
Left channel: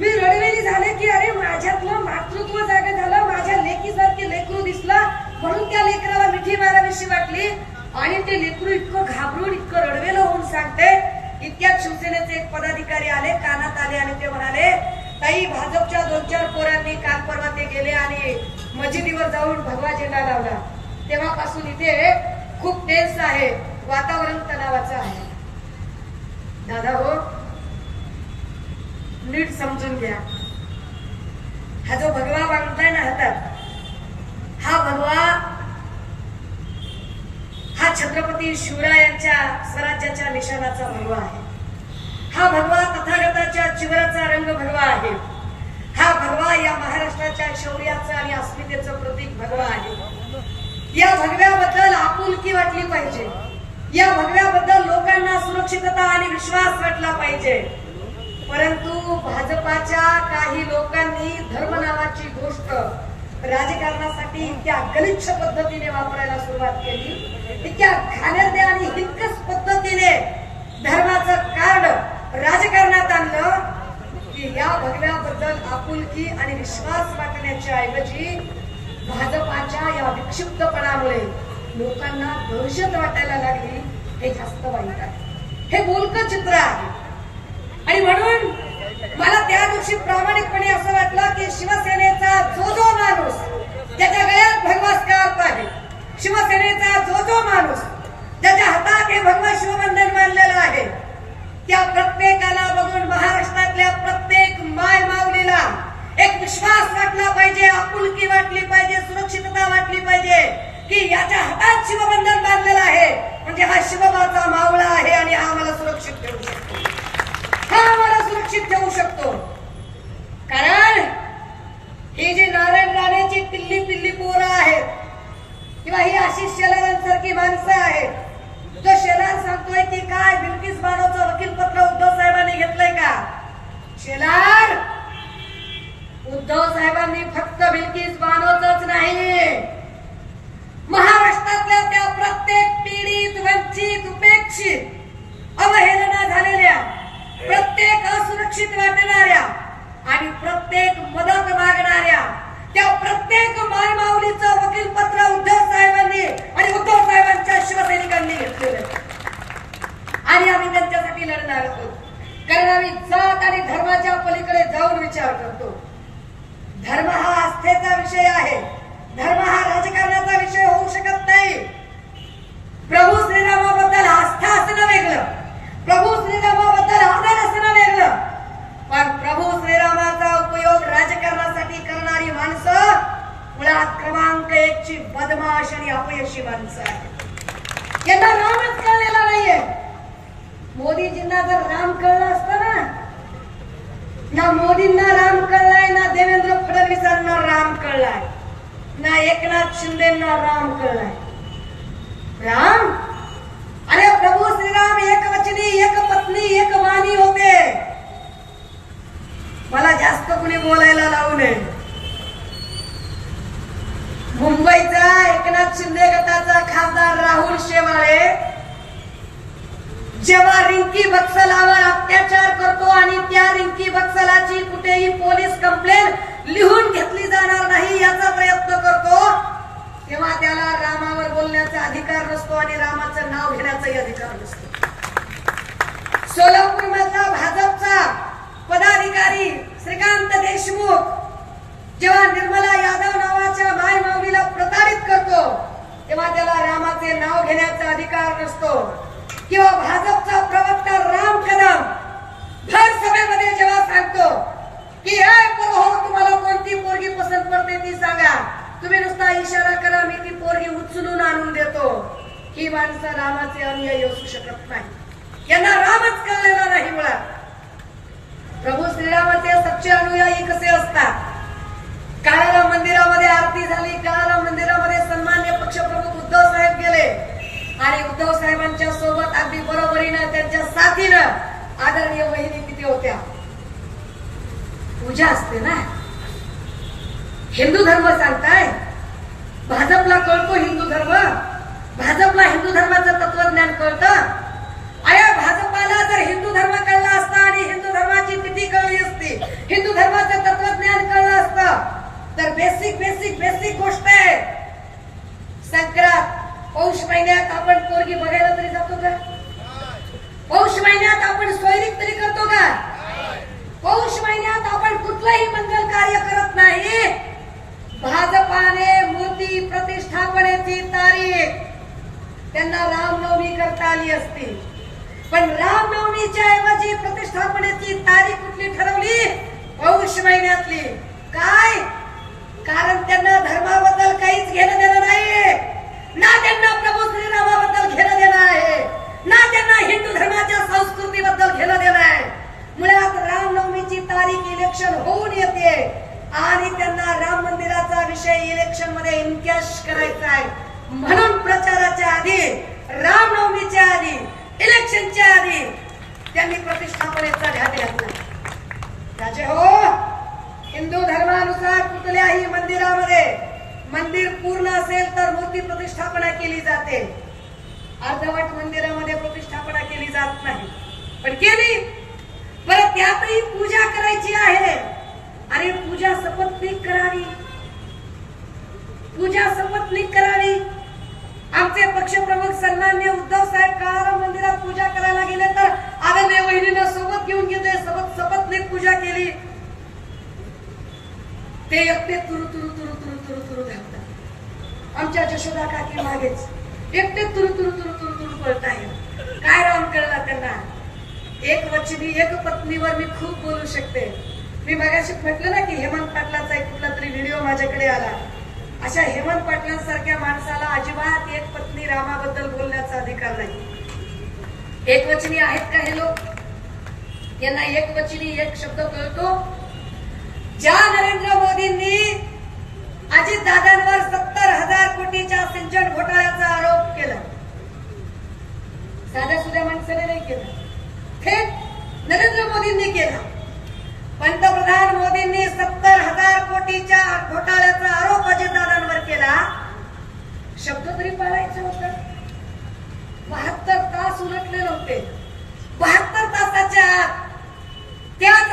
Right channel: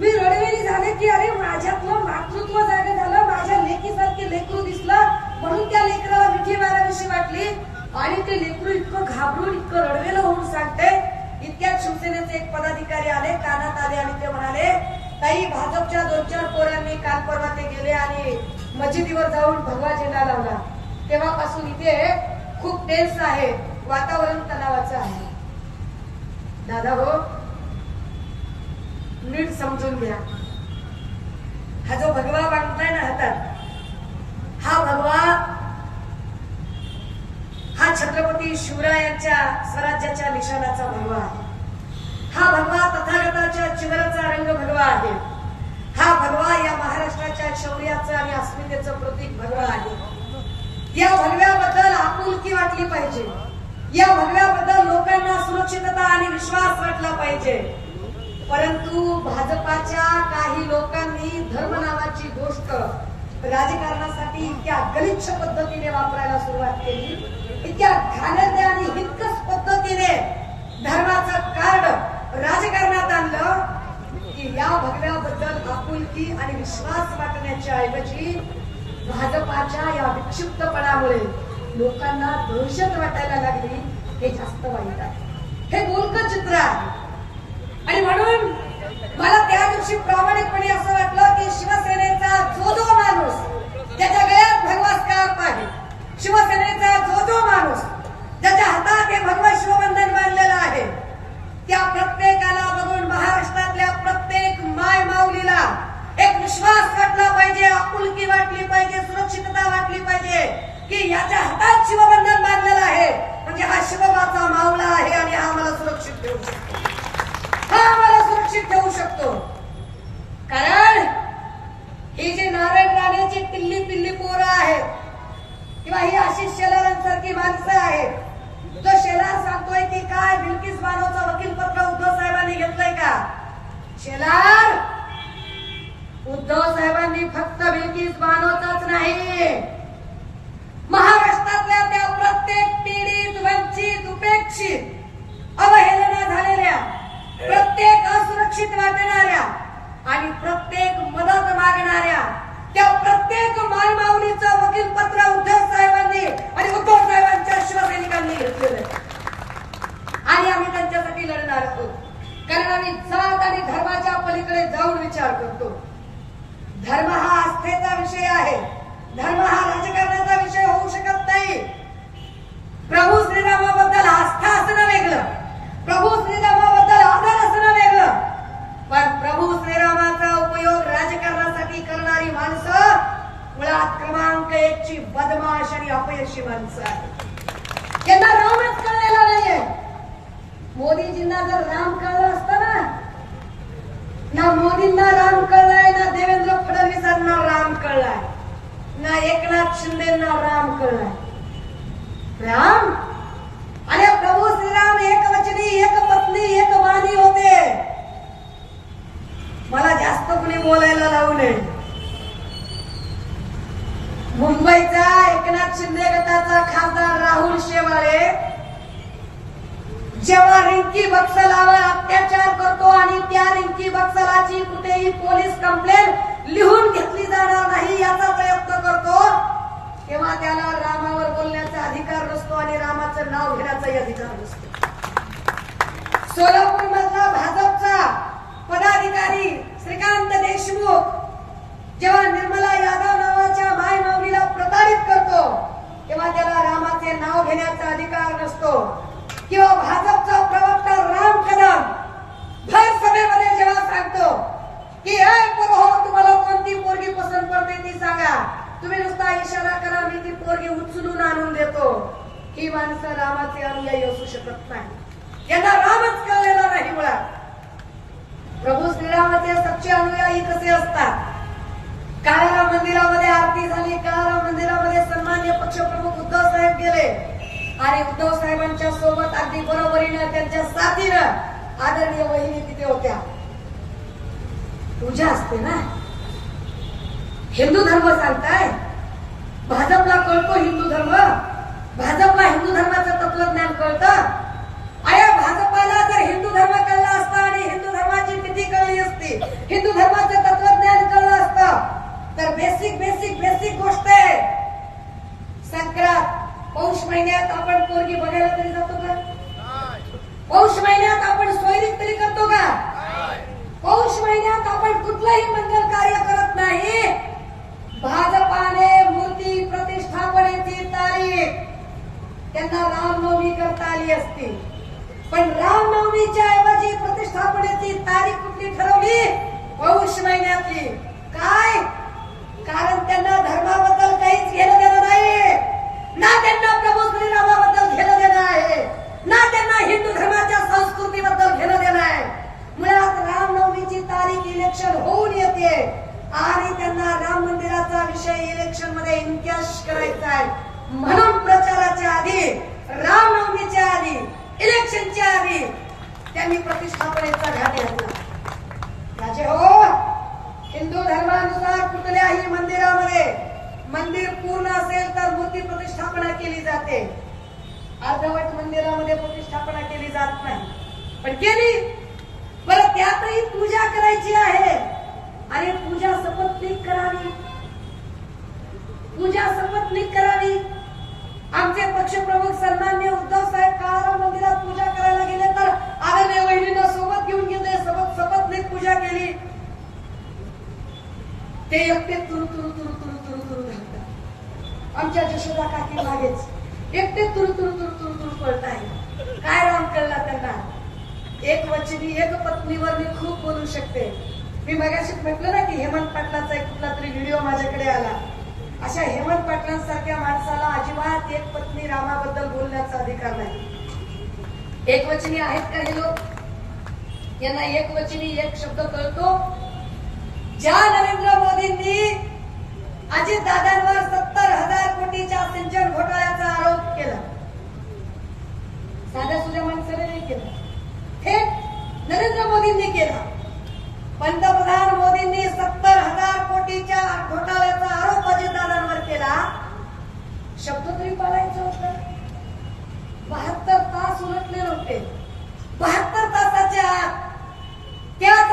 मी रडवेली झाले की अरे माझ्यातलं मातृत्व जागा झालं. माझ्या लेकीसारखे लेकरू दिसलं म्हणून त्या लेकराला मिठी मारावीशी वाटली आणि ते लेकरू इतकं घाबरून इतकं रडवेलं होऊन सांगते. इतक्यात शिवसेनेचे एक पदाधिकारी आले, कानात आले आणि ते म्हणाले, ताई भाजपच्या 2-4 पोरांनी काल परवा ते गेले आणि मशिदीवर जाऊन भगवा झेंडा लावला. तेव्हापासून इथे खूप टेन्स आहे, वातावरण तणावाचं आहे. दादा हो, नीट समजून घ्या. हा जो भगवा बांधलाय ना हातात, हा भगवा हा छत्रपती शिवरायांच्या स्वराज्याच्या निशाणाचा भगवा आहे. हा भगवा तथागताच्या चिवराचा रंग भगवा आहे. हा भगवा या महाराष्ट्राच्या शौर्याचं आणि अस्मितेचं प्रतीक भगवा आहे. या भगव्याबद्दल आपुलकी वाटली पाहिजे. या भगव्याबद्दल लोकांना सुरक्षितता आणि विश्वास वाटला पाहिजे. परंतु भाजपाच्या काही लोकांनी धर्म नावाची गोष्ट राजकारणासाठी इतक्या गलिच्छ पद्धतीने वापरायला सुरुवात केली, इतक्या घाणेरड्या आणि हिंकस पद्धतीने धर्माचं कार्ड राजकारणात आणलं की या भगव्याबद्दल आपुलकी आणि विश्वास वाटण्याच्या ऐवजी भाजपाच्या या विक्षिप्तपणामुळे लोकांना दहशत वाटायला लागली. हे जास्त वाईट आहे. हे बोलकं चित्र आहे. आणि म्हणून मला त्या दिवशी प्रामाणिकपणे असं वाटलं की शिवसेनेचा जो माणूस ज्याच्या गळ्यात भगवा स्कार्फ आहे, शिवसेनेचा जो माणूस ज्याच्या हातात हे भगवा शिवबंधन बांधलेलं आहे, त्या प्रत्येकाला बघून महाराष्ट्रातल्या प्रत्येक माय माऊलीला एक विश्वास वाटला पाहिजे, आपुलकी वाटली पाहिजे, सुरक्षितता वाटली पाहिजे की याच्या हातात शिवबंधन बांधलेलं आहे म्हणजे हा शिवबाचा मावळा आहे आणि हा आम्हाला सुरक्षित ठेवू शकतो, हा आम्हाला सुरक्षित ठेवू शकतो. कारण ही जी नारायण राणेची टिल्ली पिल्ली पोरं आहेत किंवा ही आशिष शेलारांसारखी माणसं आहेत, जो शेलार सांगतोय की काय बिल्किस बानोचं वकीलपत्र उद्धव साहेबांनी घेतलंय का? शेलार, उद्धव साहेबांनी फक्त बिल्किस बानोचंच नाही, महाराष्ट्रातल्या त्या प्रत्येक पीडित, वंचित, उपेक्षित, अवहेलना झालेल्या, सुरक्षित वाटणाऱ्या आणि प्रत्येक मदत मागणाऱ्या त्या प्रत्येक मायमाऊलीचं वकील पत्र उद्धव साहेबांनी आणि उद्धव साहेबांच्या शिवसैनिकांनी घेतलेलं आणि आम्ही त्यांच्यासाठी लढणार आहोत. कारण आम्ही जात आणि धर्माच्या पलीकडे जाऊन विचार करतो. धर्म हा आस्थेचा विषय आहे. धर्म हा राजकारणाचा विषय होऊ शकत नाही. प्रभू श्रीरामाबद्दल आस्था असणं वेगळं, प्रभू श्रीरामाबद्दल आदर असणं वेगळं, पण प्रभू श्रीरामाचा उपयोग राजकारणासाठी करणारी माणसं मुळात क्रमांक 1 ची बदमाश आणि अपयशी माणसं आहेत. यांना रामच कळलेला नाहीये. मोदीजींना जर राम कळलं असतं ना मोदींना राम कळलाय, ना देवेंद्र फडणवीसांना राम कळलाय, ना एकनाथ शिंदेना राम कळलाय. राम अरे प्रभू श्रीराम एक वचनी, एक पत्नी, एक वाणी होते. मला जास्त कुणी बोलायला लावू नये. मुंबईचा एकनाथ शिंदे गटाचा खासदार राहुल शेवाळे जेव्हा रिंकी बत्सलावर अत्याचार करतो आणि त्या रिंकी बत्सलाची कुठेही पोलीस कंप्लेंट लिहून घेतली जाणार नाही याचा प्रयत्न करतो, तेव्हा त्याला रामावर बोलण्याचा अधिकार नसतो आणि रामाचं नाव घेण्याचाही अधिकार नसतो. सोलापूर मधला भाजपचा पदाधिकारी श्रीकांत देशमुख जेव्हा निर्मला यादव नावाच्या मायमाऊलीला प्रताडित करतो, तेव्हा त्याला रामाचे नाव घेण्याचा अधिकार नसतो. किंवा भाजपचा प्रवक्ता राम कदम भर सभेमध्ये जेव्हा सांगतो की तुम्हाला कोणती पोरगी पसंत पडते ती सांगा, तुम्ही नुसता इशारा करा, मी ती पोरगी उचलून आणून देतो. ही माणसं रामाचे अनुयायी असू शकत नाही. यांना रामच कळलेला नाही. मुळात प्रभू श्रीरामाचे सच्चे अनुयायी कसे असतात? काळाराम मंदिरामध्ये आरती झाली, काळाराम मंदिरामध्ये सन्मान्य पक्षप्रमुख उद्धव साहेब गेले आणि उद्धव साहेबांच्या सोबत अगदी बरोबरीनं त्यांच्या साथीनं आदरणीय वहिनी तिथे होत्या. पूजा असते ना. हिंदू धर्म सांगताय, भाजपला कळतो हिंदू धर्म, भाजपला हिंदू धर्माचं तत्वज्ञान कळतं. अरे भाजपाला जर हिंदू धर्म कळला असता आणि हिंदू धर्माची तिथी कळली असती, हिंदू धर्माचं तत्वज्ञान कळलं असतं, तर बेसिक गोष्ट आहे. संक्रांत पौष महिन्यात आपण पोरगी बघायला तरी जातो का? पौष महिन्यात आपण सोयरीक तरी करतो का? पौष महिन्यात आपण कुठलंही मंगल कार्य करत नाही. भाजपाने मूर्ती प्रतिष्ठापनेची तारीख त्यांना रामनवमी करता आली असती, पण रामनवमीच्या ऐवजी प्रतिष्ठापनेची तारीख कुठली ठरवली? पौष महिन्यातली. काय? कारण त्यांना धर्माबद्दल काहीच घेणं देणं नाही, ना त्यांना प्रभू श्रीरामाबद्दल घेणं देणं आहे, ना त्यांना हिंदू धर्माच्या संस्कृतीबद्दल घेणं देणं आहे. मुळात रामनवमीची तारीख इलेक्शन होऊन येते आणि त्यांना राम मंदिराचा विषय इलेक्शन मध्ये इन्कॅश करायचा आहे. म्हणून प्रचाराच्या आधी, रामनवमीच्या आधी, इलेक्शनच्या आधी त्यांनी प्रतिष्ठापनेचा घाट घातला. राजे हो, हिंदू धर्मानुसार कुठल्याही मंदिरामध्ये मंदिर पूर्ण असेल तर मूर्ती प्रतिष्ठापना केली जाते. अर्धवट मंदिरामध्ये प्रतिष्ठापना केली जात नाही, पण केली. बरं, त्यातही पूजा करायची आहे आणि पूजा सपत्नीक करावी, पूजा सपत्नीक करावी. आमचे पक्षप्रमुख सन्मान्य उद्धव साहेब काळाराम मंदिरात पूजा करायला गेले तर आदरणीय वहिनीनं सोबत घेऊन गेले, सपत्नीक पूजा केली. ते एकटे तुरु धावतात. आमच्या जशोदा काकी मागेच एकटे तुरु पळताय. काय राम कळला त्यांना? एक वचनी, एक पत्नीवर मी खूप बोलू शकते. मी मगाशी म्हटलं ना की हेमंत पाटलाचा एक कुठला तरी व्हिडिओ माझ्याकडे आला. अशा हेमंत पाटलांसारख्या माणसाला अजिबात एक पत्नी रामाबद्दल बोलण्याचा अधिकार नाही. एक वचनी आहेत का हे लोक? यांना एक वचनी एक शब्द कळतो. ज्या नरेंद्र मोदींनी अजितदादांवर 70,000 कोटीच्या सिंचन घोटाळ्याचा आरोप केला, साध्या सुध्या माणसाने नाही केला, थेट नरेंद्र मोदींनी केला. पंतप्रधान मोदींनी 70,000 कोटीच्या घोटाळ्याचा आरोप अजितदादांवर केला. शब्द तरी पाळायचे होते. 72 तास उलटले नव्हते. 72 तासाच्या आत त्याच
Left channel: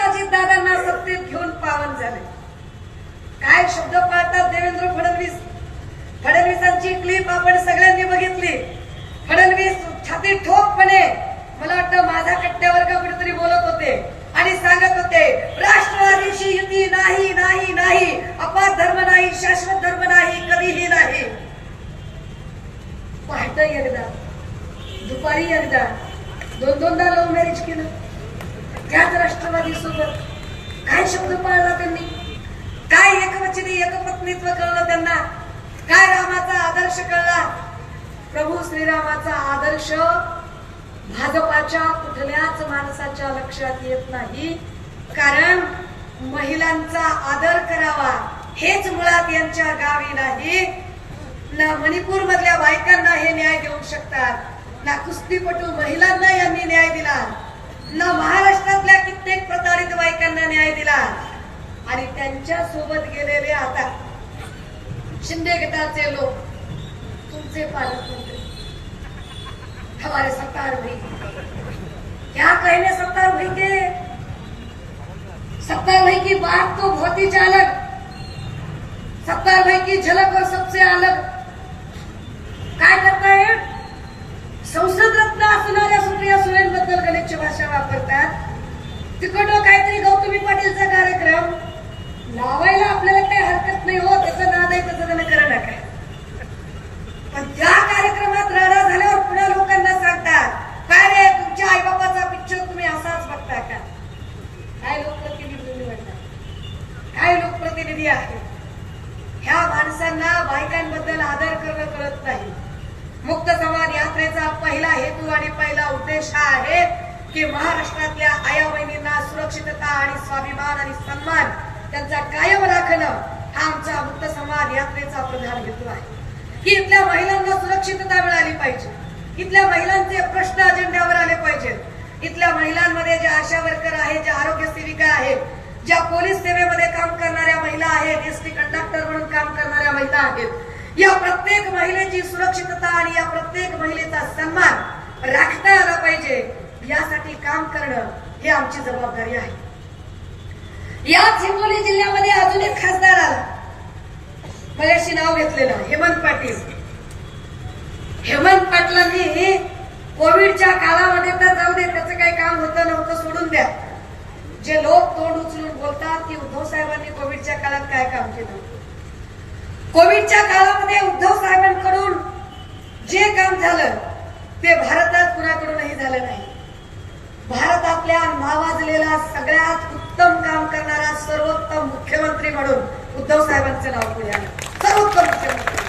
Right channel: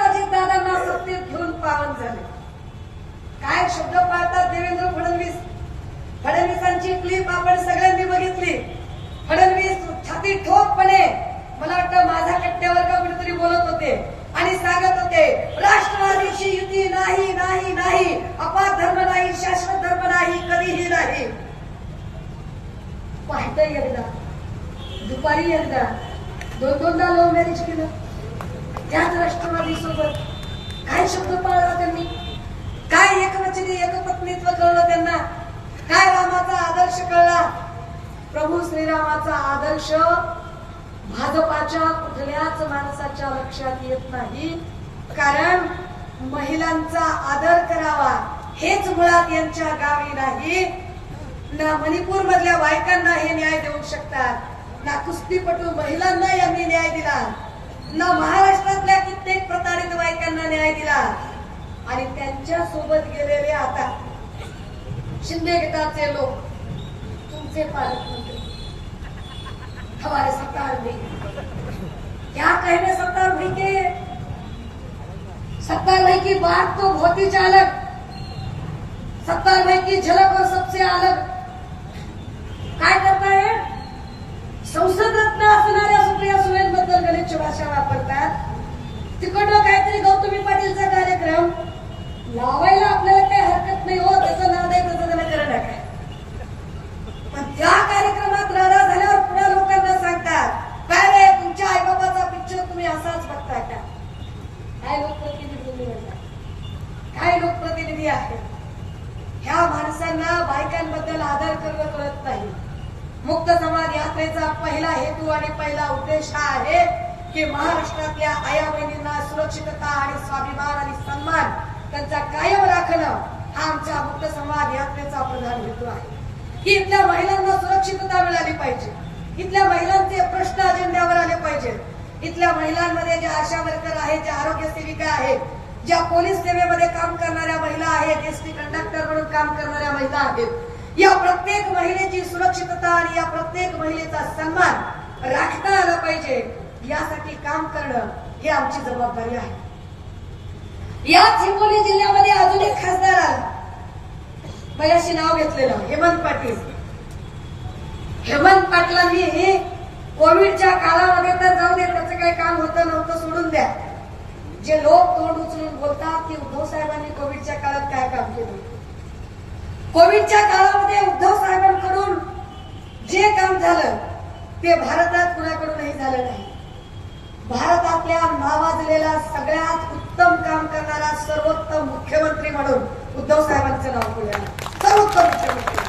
शब्द पाळतात देवेंद्र फडणवीस. फडणवीसांची क्लिप आपण सगळ्यांनी बघितली. फडणवीस छाती ठोकपणे मला वाटतं माझ्या कट्ट्यावर का कुठेतरी बोलत होते आणि सांगत होते राष्ट्रवादीची युती नाही नाही नाही, अपार धर्म नाही, शाश्वत धर्म नाही, कधीही नाही. पहाटे एकदा, दुपारी एकदा, दोनदा लव्ह मॅरेज केलं त्याच राष्ट्रवादी सोबत. काय शब्द पाळला त्यांनी, काय एकवचनी एकपत्नीत्व कळलं त्यांना, काय रामाचा आदर्श कळला. प्रभू श्रीरामाचा आदर्श भाजपाच्या कुठल्याच माणसाच्या लक्षात येत नाही. कारण महिलांचा आदर करावा हेच मुळात यांच्या गावी नाही. ना मणिपूर मधल्या बायकांना हे न्याय देऊ शकतात, ना कुस्तीपटू महिलांना यांनी न्याय दिला, ना महाराष्ट्रातल्या कित्येक प्रताडित बायकांना न्याय दिला. आणि त्यांच्या सोबत गेलेले आता शिंदे गटाचे लोक, तुमचे पालकमंत्री हमारे सरकार भाई, क्या कहने सरकार भाई के, सरकार भाई की बात तो बहुत ही अलग, सरकार भाई की झलक और सबसे अलग. काय करताय, संसद रत्न असणाऱ्या सुप्रिया सुळेंबद्दल गलिच्छ भाषा वापरतात. तिकडं काहीतरी गौतमी पाटीलचा कार्यक्रम लावायला आपल्याला काही हरकत नाही हो, त्याचं नाद आहे तसं त्यानं करणं काय. पण त्या कार्यक्रमात राडा झाल्यावर पुढे लोकांना सांगतात काय रे तुमच्या आईबाबाचा पिक्चर तुम्ही असाच बघताय का. काय लोकप्रतिनिधी म्हणतात, काय लोकप्रतिनिधी आहे. ह्या माणसांना बायकांबद्दल आदर करणं कळत नाही. मुक्त संवाद यात्रेचा पहिला हेतू आणि पहिला उद्देश हा आहे की महाराष्ट्रातल्या आया बहिणींना सुरक्षितता आणि स्वाभिमान आणि सन्मान त्यांचा कायम राखणं हा आमचा मुक्त संवाद यात्रेचा प्रधान हेतू आहे. की इथल्या महिलांना सुरक्षितता मिळाली पाहिजे, इथल्या महिलांचे प्रश्न अजेंड्यावर आले पाहिजेत. इथल्या महिलांमध्ये ज्या आशा वर्कर आहेत, ज्या आरोग्य सेविका आहेत, ज्या पोलीस सेवेमध्ये काम करणाऱ्या महिला आहेत, एसटी कंडक्टर म्हणून काम करणाऱ्या महिला आहेत, या प्रत्येक महिलेची सुरक्षितता आणि या प्रत्येक महिलेचा सन्मान राखता आला पाहिजे. यासाठी काम करणं ही आमची जबाबदारी आहे. याच हिंगोली जिल्ह्यामध्ये अजून एक खासदार आला, बऱ्याचशी नाव घेतलेलं हेमंत पाटील. हेमंत पाटलांनी कोविडच्या काळामध्ये तर जाऊ दे, त्याचं काही काम होतं नव्हतं सोडून द्या. जे लोक तोंड उचलून बोलतात की उद्धव साहेबांनी कोविडच्या काळात काय काम केलं, कोविडच्या काळामध्ये उद्धव साहेबांकडून जे काम झालं ते भारतात कुणाकडूनही झालं नाही. भारतातल्या नावाजलेला सगळ्यात उत्तम काम करणारा सर्वोत्तम मुख्यमंत्री म्हणून उद्धव साहेबांचं नाव पुढे आलं. सर्वोत्तम मुख्यमंत्री.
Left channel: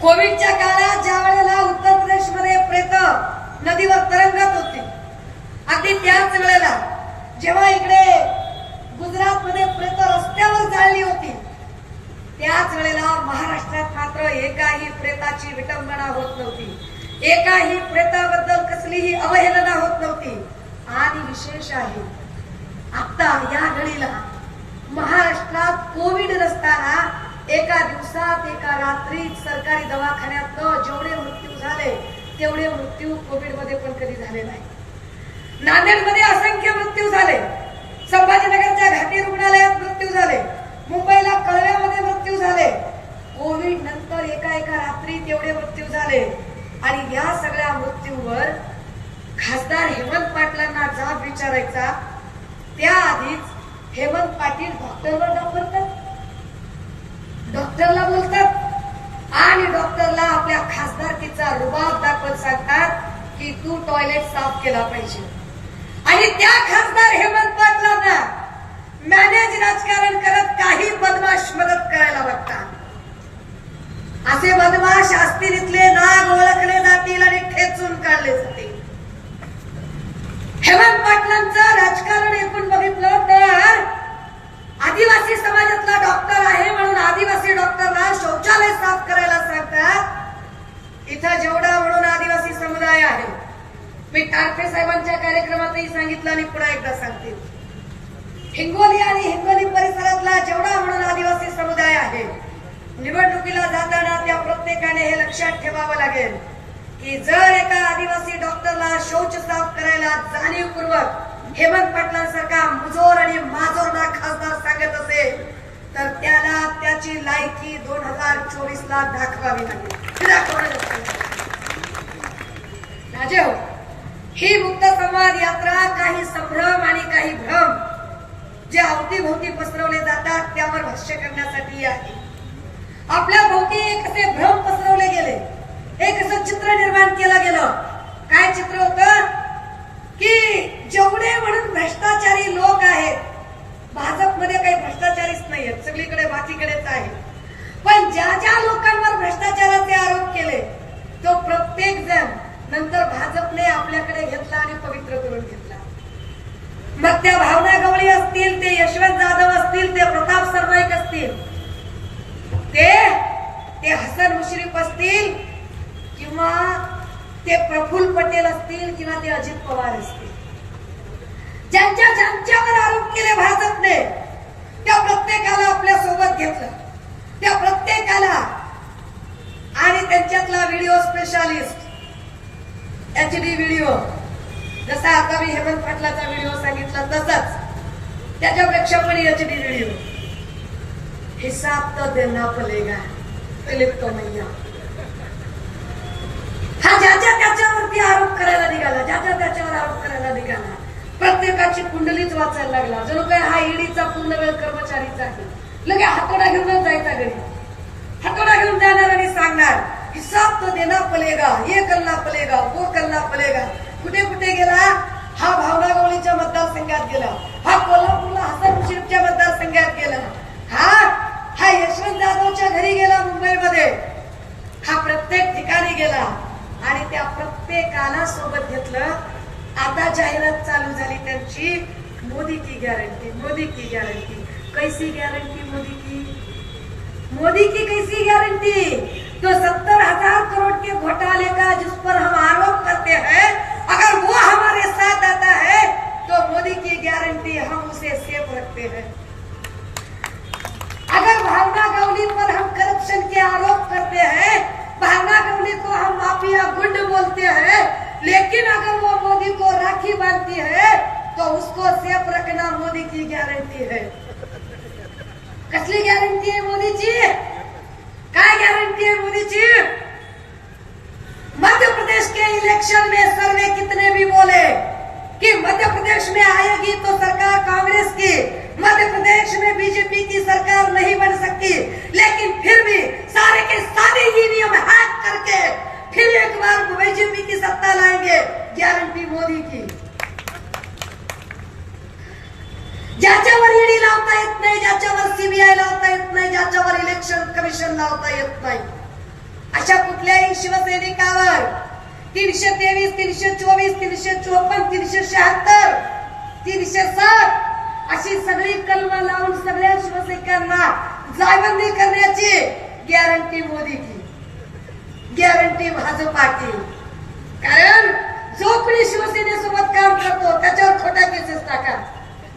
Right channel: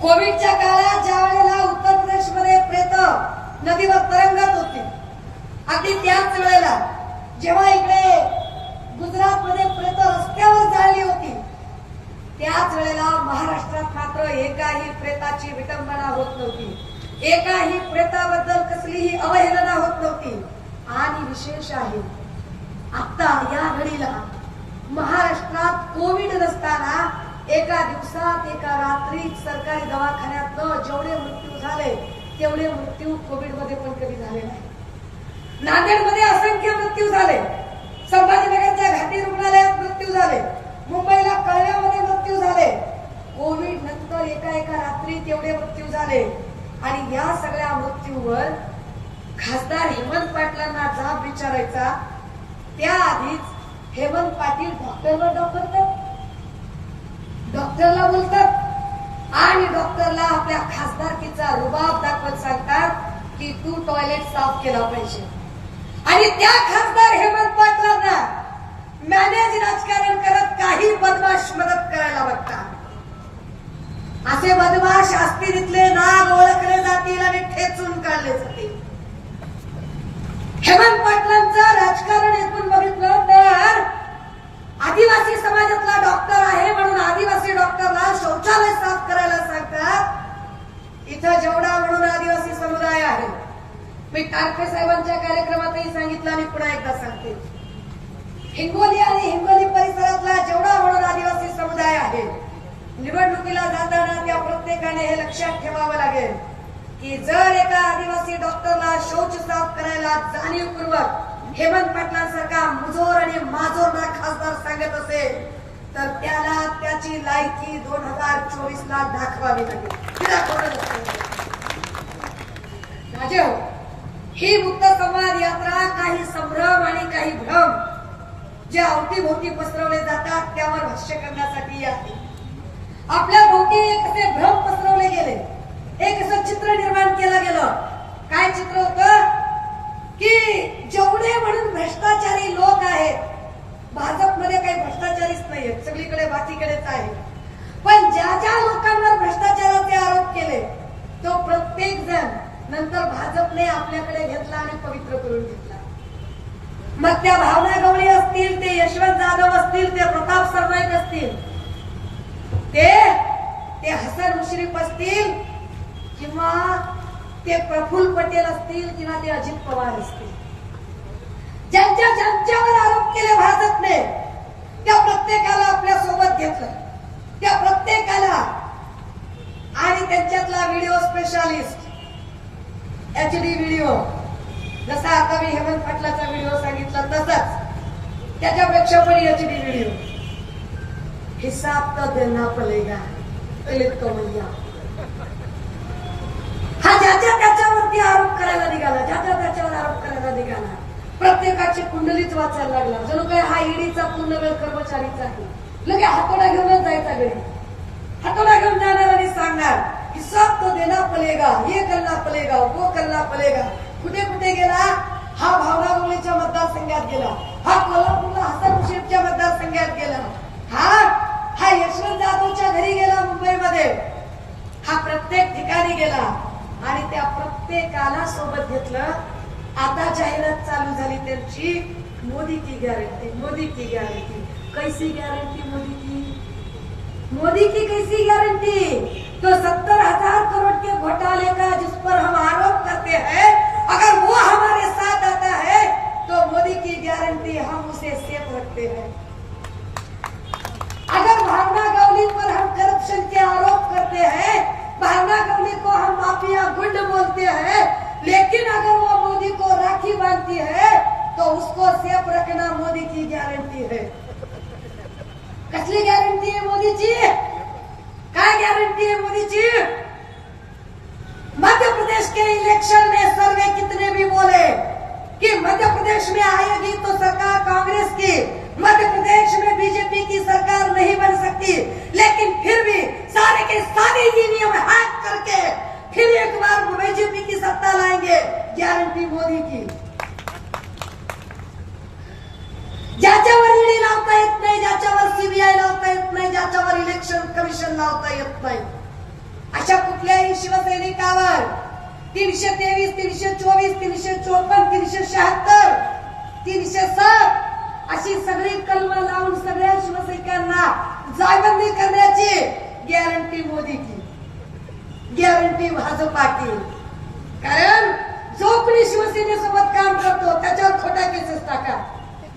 कोविडच्या काळात ज्या वेळेला उत्तर प्रदेशमध्ये प्रेत नदीवर तरंगत होती, अगदी त्याच वेळेला जेव्हा इकडे गुजरातमध्ये प्रेत रस्त्यावर जाळली होती, त्याच वेळेला महाराष्ट्रात मात्र एकाही प्रेताची विटंबना होत नव्हती, एकाही प्रेताबद्दल कसलीही अवहेलना होत नव्हती. आणि विशेष आहे आता या घडीला महाराष्ट्रात कोविड नसताना एका दिवसात एका रात्रीत सरकारी दवाखान्यात जेवढे मृत्यू झाले तेवढे मृत्यू कोविडमध्ये पण कधी झाले नाही. नांदेडमध्ये असंख्य मृत्यू झाले, संभाजीनगरच्या घाटी रुग्णालयात मृत्यू झाले, मुंबईला कळव्यामध्ये मृत्यू झाले. कोविड नंतर एका रात्रीत एवढे मृत्यू झाले. आणि या सगळ्या मृत्यूवर खासदार हेमंत पाटलांना जाब विचारायचा त्याआधीच हेमंत पाटील डॉक्टरवर दाखवतात, डॉक्टरला बोलतात आणि डॉक्टरला आपल्या खासदारकीचा रुबाब दाखवत सांगतात की तू टॉयलेट साफ केला पाहिजे. आणि त्या खासदार हेमंत पाटलांना मॅनेज राजकारण करत काही बदमाश मदत करायला बघतात. असे बदमाश असतील इथले नाग ओळखले जातील आणि ठेचून काढले जातील. हेमंत पाटलांचं राजकारण एकूण बघितलं तर आदिवासी समाजातला डॉक्टर आहे म्हणून आदिवासी डॉक्टरला शौचालय साफ करायला सांगतात. इथं जेवढा म्हणून आदिवासी समुदाय आहे, मी टारफे साहेबांच्या कार्यक्रमातही सांगितलं आणि पुन्हा एकदा सांगते, हिंगोली आणि हिंगोली परिसरातला जेवढा म्हणून आदिवासी समुदाय आहे, निवडणुकीला जाताना त्या प्रत्येकाने हे लक्षात ठेवावं लागेल की जर एका आदिवासी डॉक्टरला शौच साफ करायला जाणीवपूर्वक हेमंत पाटलांसारखा मुजोर आणि माजोरदार खासदार सांगत असेल तर त्याला त्याची लायकी 2024 ला दाखवावी लागेल. राजे हो, ही मुक्त संवाद यात्रा काही संभ्रम आणि काही भ्रम जे अवतीभोवती पसरवले जातात त्यावर भाष्य करण्यासाठी आहे. आपल्या भोवती एक असे भ्रम पसरवले गेले, एक असं चित्र निर्माण केलं गेलं. काय चित्र होतं की जेवढे म्हणून भ्रष्टाचारी लोक आहेत, भाजपमध्ये काही भ्रष्टाचारीच नाहीयेत, सगळीकडे बाकीकडेच आहे. पण ज्या ज्या लोकांवर भ्रष्टाचाराचे आरोप केले तो प्रत्येक जण नंतर भाजपने आपल्याकडे घेतला आणि पवित्र करून घेतला. मग त्या भावना गवळी असतील, ते यशवंत जाधव असतील, ते प्रताप सरनाईक असतील, ते हसन मुश्रीफ असतील, किंवा ते प्रफुल्ल पटेल असतील, किंवा ते अजित पवार असतील, ज्यांच्यावर आरोप केले भाजपने, त्या प्रत्येकाला आपल्या सोबत घेतलं. त्या प्रत्येकाला आणि त्यांच्यातला व्हिडिओ स्पेशालिस्ट HD व्हिडिओ, जसा आता मी हेमंत पाटलाचा व्हिडिओ सांगितला तसाच त्याच्यापेक्षा पण HD व्हिडिओ. हिसाब तो देना पडेगा दिलीप कमैया. हा ज्याच्या त्याच्यावरती आरोप करायला निघाला, ज्याच्या त्याच्यावर आरोप करायला निघाला, प्रत्येकाची कुंडलीच वाचायला लागला. जणू काय हा ईडीचा पूर्ण वेळ कर्मचारीच आहे. लगे हातोडा घेऊनच जायचा घरी, हातोडा घेऊन जाणार आणि सांगणार हिसाब तो देना पडेगा, ये करना पडेगा, वो करना पडेगा. कुठे कुठे गेला हा? भावना गवळीच्या मतदारसंघात गेला, हा कोल्हापूरला हसन मुश्रीफच्या मतदारसंघात गेला, हा यशवंत जाधवच्या घरी गेला मुंबईमध्ये, हा प्रत्येक ठिकाणी गेला आणि त्या प्रत्येकाला सोबत घेतलं. आता जाहिरात चालू झाली त्यांची, मोदी की गॅरंटी, मोदी की गॅरंटी. कैसी गॅरंटी मोदी की? मोदी की कैसी गारंटी? तो 70,000 करोड़ के घोटाले का जिस पर हम आरोप करते हैं, अगर वो हमारे साथ आता है तो मोदी की गारंटी हम उसे सेफ रखते हैं. अगर भावना गवली पर हम करप्शन के आरोप करते हैं, भावना गवली को हम माफिया गुंड बोलते हैं, लेकिन अगर वो मोदी को राखी बांधती है तो उसको सेफ रखना मोदी की गारंटी है. कसली गॅरंटी आहे मोदीची? काय गॅरंटी है मोदीची? मध्य प्रदेश के इलेक्शन में सर्वे कितने भी बोले कि मध्य प्रदेश में आएगी तो सरकार कांग्रेस की, मध्य प्रदेश में बीजेपी की सरकार नहीं बन सकती, लेकिन फिर भी सारे के सारे ईवीएम हैक करके फिर एक बार बीजेपी की सत्ता लाएंगे. गारंटी मोदी की. ज्याच्यावर ईडी लावता येत नाही, ज्याच्यावर सीबीआय लावता येत नाही, ज्याच्यावर इलेक्शन कमिशन लावता येत नाही, अशा कुठल्याही शिवसैनिकावर 323, 324, 354, 376, 307 अशी सगळी कलम लावून सगळ्या शिवसैनिकांना जायबंदी करण्याची गॅरंटी मोदी की, गॅरंटी भाजपा की. कारण जो कोणी शिवसेनेसोबत काम करतो त्याच्यावर खोट्या केसेस टाका,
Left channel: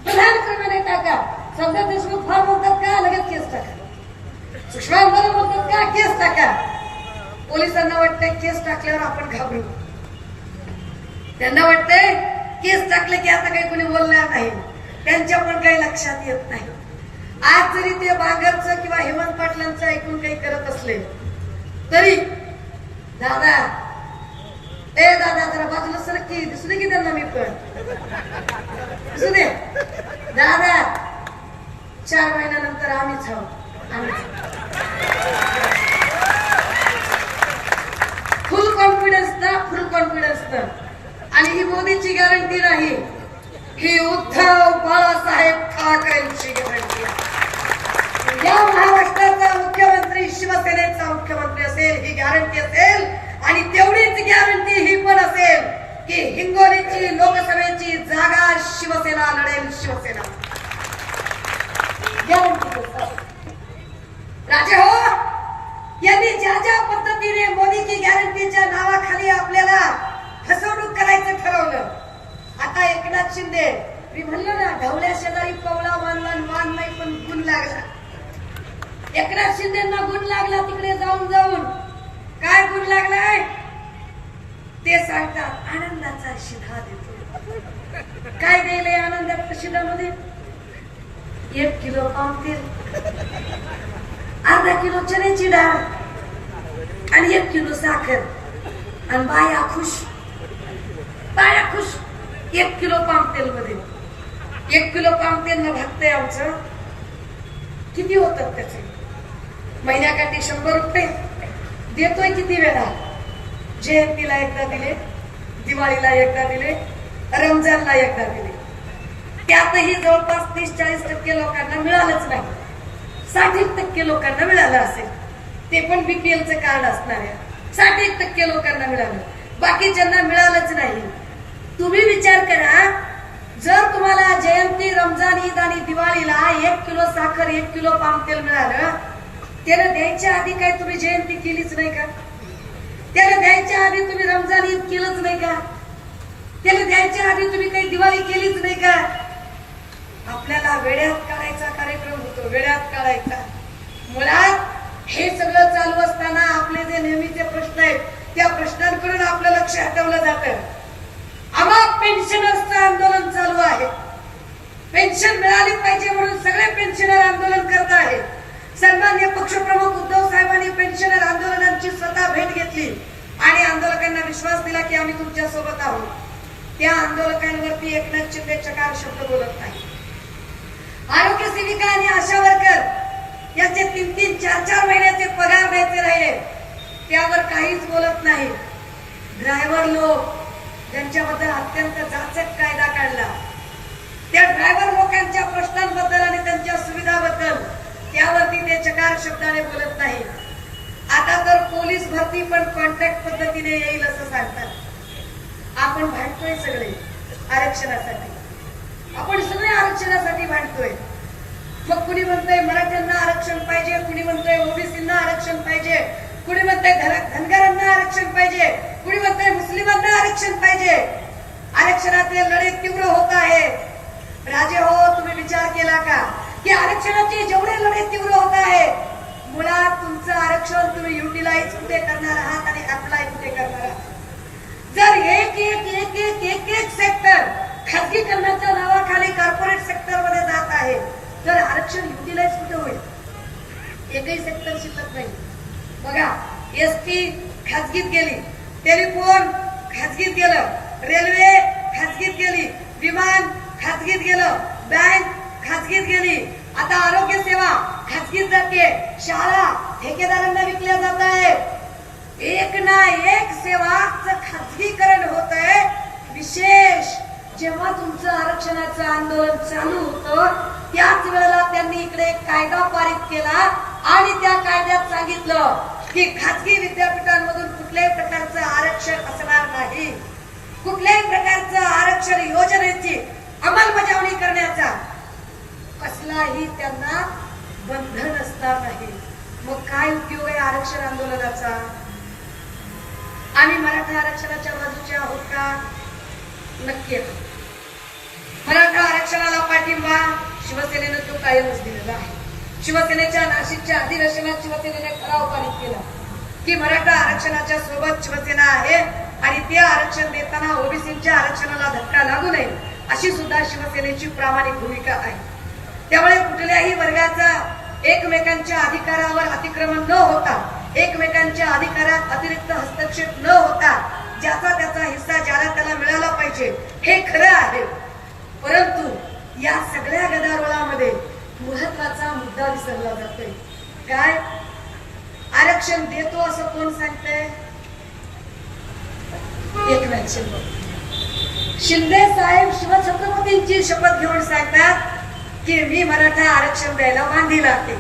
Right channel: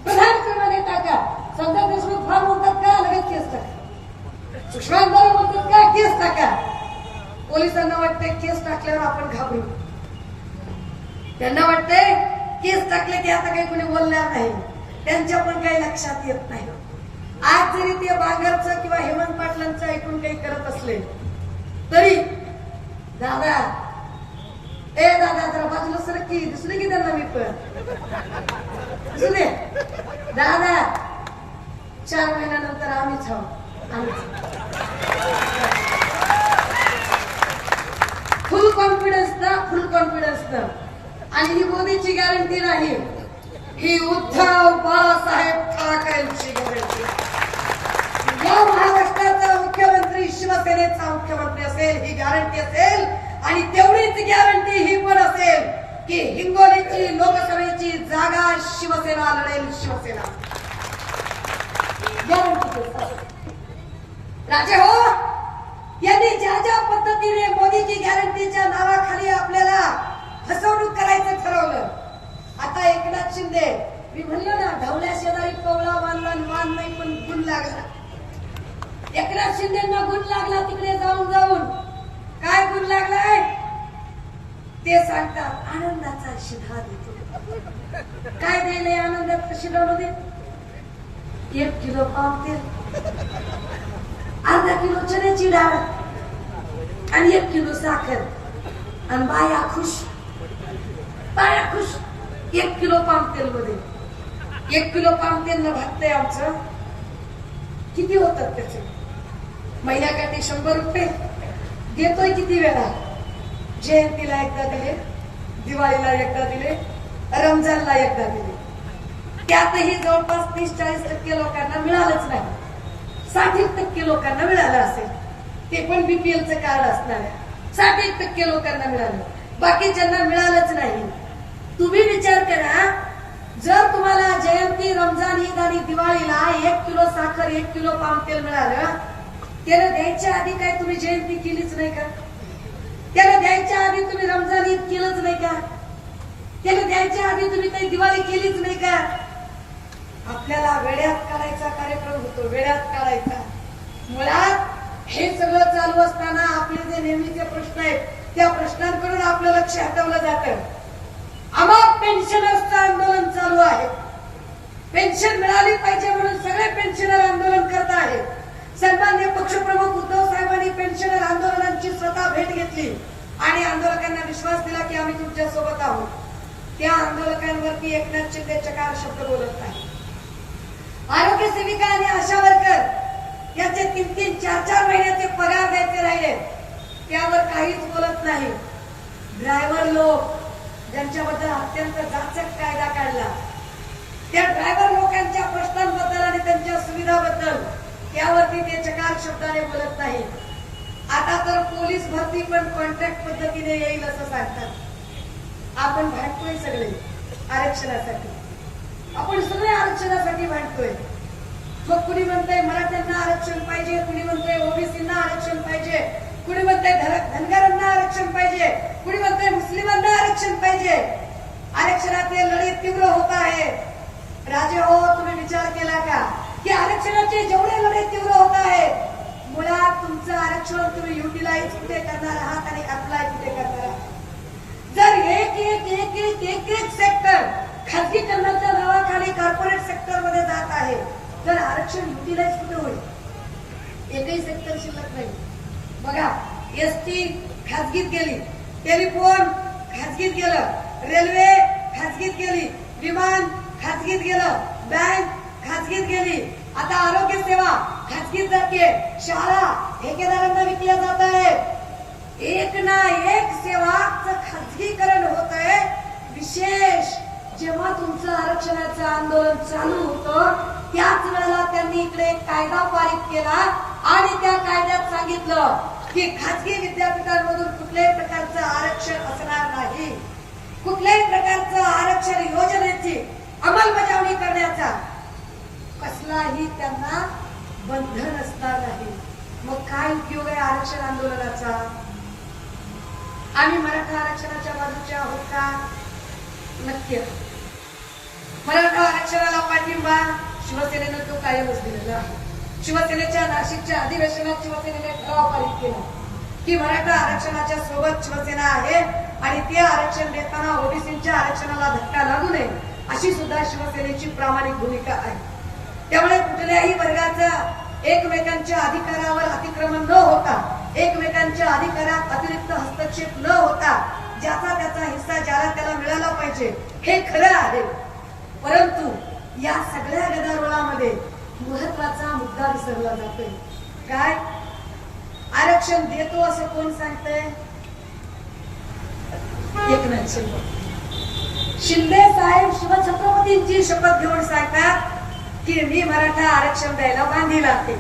प्रधानमंत्र्यांनी टाका, संजय देशमुख फार म्हणतात का लगेच केस टाका, सुषमा म्हणतात का केस टाका. पोलिसांना वाटतंय केस टाकल्यावर आपण घाबरू, त्यांना वाटतंय केस टाकले की आता काही कोणी बोलणार नाही, त्यांच्या पण काही लक्षात येत नाही. आज जरी ते बागरचं किंवा हेमंत पाटलांचं ऐकून काही करत असले तरी दादा जरा बाजूला सरक की, दिसले की त्यांना मी पण दिसू दे दादा, 4 महिन्यानंतर आम्हीच फुल कॉन्फिडन्स ना, फुल कॉन्फिडन्स ना. आणि ही मोदीची गॅरंटी नाही, ही उद्धव बाळासाहेब ठाकरेंची गॅरंटी. या महाराष्ट्राचा मुख्यमंत्री शिवसेनेचा मुख्यमंत्री असेल, ही गॅरंटी असेल. आणि तेवढीच गॅरंटी ही पण असेल की हिंगोलीची लोकसभेची जागा शिवसेना लढेल, शिवसेना गॅरंटी. राजे हो, यांनी ज्या ज्या पद्धतीने मोदी की गॅरंटीच्या नावाखाली आपल्याला फसवणूक करायचं ठरवलं. आता एकनाथ शिंदे, मी म्हणले ना ढवल्या शेजारी पवळा मानला, मान नाही पण गुण लागला. एकनाथ शिंदेना गुण लागला तिकडे जाऊन जाऊन. काय गुण लागलाय ते सांगतात, आनंदाचा शिधा देतो. काय गेले आनंदाच्या शिधामध्ये? 1 किलो पाम तेल, अर्धा किलो चण्याची डाळ आणि 1 किलो साखर आणि बाया खुश, बाया खुश. 1 किलो पाम तेल मध्ये 1 किलो पाम तेल न भागतंय आमचं. किती होतात त्याचे? महिन्याकाठी 100 रुपये देतोय. किती वेळा? जयंतीला एकदा दिले, दिवाळीला एकदा दिले, रमजानला एकदा दिले. त्यातही जवळपास 30-40% लोकांना मिळालंच नाही. 60% लोकांना मिळालं असेल, ते पण बीपीएलचं कार्ड असणाऱ्या 60% लोकांना मिळालं, बाकीच्यांना मिळालंच नाही. तुम्ही विचार करा, जर तुम्हाला जयंती, रमजान, ईद आणि दिवाळीला 1 किलो साखर, 1 किलो पाम तेल मिळालं, त्याला द्यायच्या आधी काय तुम्ही जयंती केलीच नाही का? त्याला द्यायच्या आधी तुम्ही रमजान, ईद केलंच नाही का? त्याला द्यायच्या आधी तुम्ही काही दिवाळी केलीच नाही का? आपल्याला वेड्यात काढायचा कार्यक्रम होतो, वेड्यात काढायचा. मुळात हे सगळं चालू असताना आपले जे नेहमीचे प्रश्न आहेत, त्या प्रश्नांकडून आपलं लक्ष हटवलं जातं. आम्हा पेन्शनर्सचं आंदोलन चालू आहे. पेन्शन मिळाली पाहिजे म्हणून सगळे पेन्शनर आंदोलन करत आहेत. सन्माननीय पक्षप्रमुख उद्धव साहेबांनी पेन्शनर आंदोलनाची स्वतः भेट घेतली आणि आंदोलकांना विश्वास दिला की आम्ही तुमच्या सोबत आहोत. त्या आंदोलकांवरती एकनाथ शिंदे चकार शब्द बोलत नाही. आरोग्य सेविका आणि आशा वर्कर याचे 3-3, 4-4 महिन्याचे पगार द्यायचे राहिले, त्यावर काहीच बोलत नाही. ड्रायव्हर लोक ज्यांच्याबद्दल अत्यंत जाचक कायदा काढला, त्या ड्रायव्हर लोकांच्या प्रश्नांबद्दल आणि त्यांच्या सुविधाबद्दल त्यावरती ते चकार शब्दाने बोलत नाही. आता तर पोलीस भरती पण कॉन्ट्रॅक्ट पद्धतीने येईल असं सांगतात. आपण भांडतोय सगळे आरक्षणासाठी, आपण सगळे आरक्षणासाठी भांडतोय. मग कुणी म्हणतंय मराठ्यांना आरक्षण पाहिजे, कुणी म्हणतंय ओबीसींना आरक्षण पाहिजे, कुणी म्हणतंय धनगरांना आरक्षण पाहिजे, कुणी म्हणतंय मुस्लिमांना आरक्षण पाहिजे. आरक्षणातले लढे तीव्र होत आहेत. राजे हो, तुम्ही विचार केला का की आरक्षणाचे जेवढे लढे तीव्र होत आहेत, मुळात तुमचं आरक्षण तुम्ही युटिलाइज कुठे करणार आहात आणि अप्लाय कुठे करणार आहात? जर एक सेक्टर खासगीकरणाच्या नावाखाली कॉर्पोरेट सेक्टर मध्ये जात आहे, तर आरक्षण युटिलाइज कुठे होईल? एकही सेक्टर शिल्लक नाही. बघा, एसटी खासगीत गेली, टेलिफोन खासगीत गेलं, रेल्वे खासगीत गेली, विमान खासगीत गेलं, बँक खासगीत गेली, आता आरोग्य सेवा खासगीत जाते, शाळा ठेकेदारांना विकल्या जात आहेत. एक ना एक सेवाचं खासगीकरण होत आहे. विशेष जेव्हा तुमचं आरक्षणाचं आंदोलन चालू होतं, त्याच वेळेला त्यांनी इकडे एक कायदा पारित केला आणि त्या कायद्यात सांगितलं की खासगी विद्यापीठांमधून कुठल्याही प्रकारचं आरक्षण असणार नाही. कुठल्याही प्रकारचं आरक्षण योजनेची अंमलबजावणी करण्याचा कसलाही त्यांना बंधन असणार नाही. मग काय उपयोग आहे आरक्षण आंदोलनाचा? आम्ही मराठा आरक्षणाच्या बाजूचे आहोत का? नक्की. मराठा आरक्षणाला पाठिंबा शिवसेनेनं तो कायमच दिलेला आहे. शिवसेनेच्या नाशिकच्या अधिवेशनात शिवसेनेने ठराव पारित केला की मराठा आरक्षणाच्या सोबत शिवसेना आहे आणि ते आरक्षण देताना ओबीसीच्या आरक्षणाला धक्का लागू नये अशी सुद्धा शिवसेनेची प्रामाणिक भूमिका आहे. त्यामुळे कुठल्याही वर्गाचा एकमेकांच्या अधिकारावर अतिक्रमण न होता, एकमेकांच्या अधिकारात अतिरिक्त हस्तक्षेप न होता, ज्याचा त्याचा हिस्सा ज्याला त्याला मिळाला पाहिजे हे खरं आहे. परंतु या सगळ्या गदारोळामध्ये महत्वाचा मुद्दा विसरला जातोय. काय? आरक्षण देतो असं कोण सांगतंय? एकनाथ शिंदे. शिंदे साहेब शिवछत्रपतींची शपथ घेऊन सांगतात की मी मराठा आरक्षण द्यायला बांधील आहे.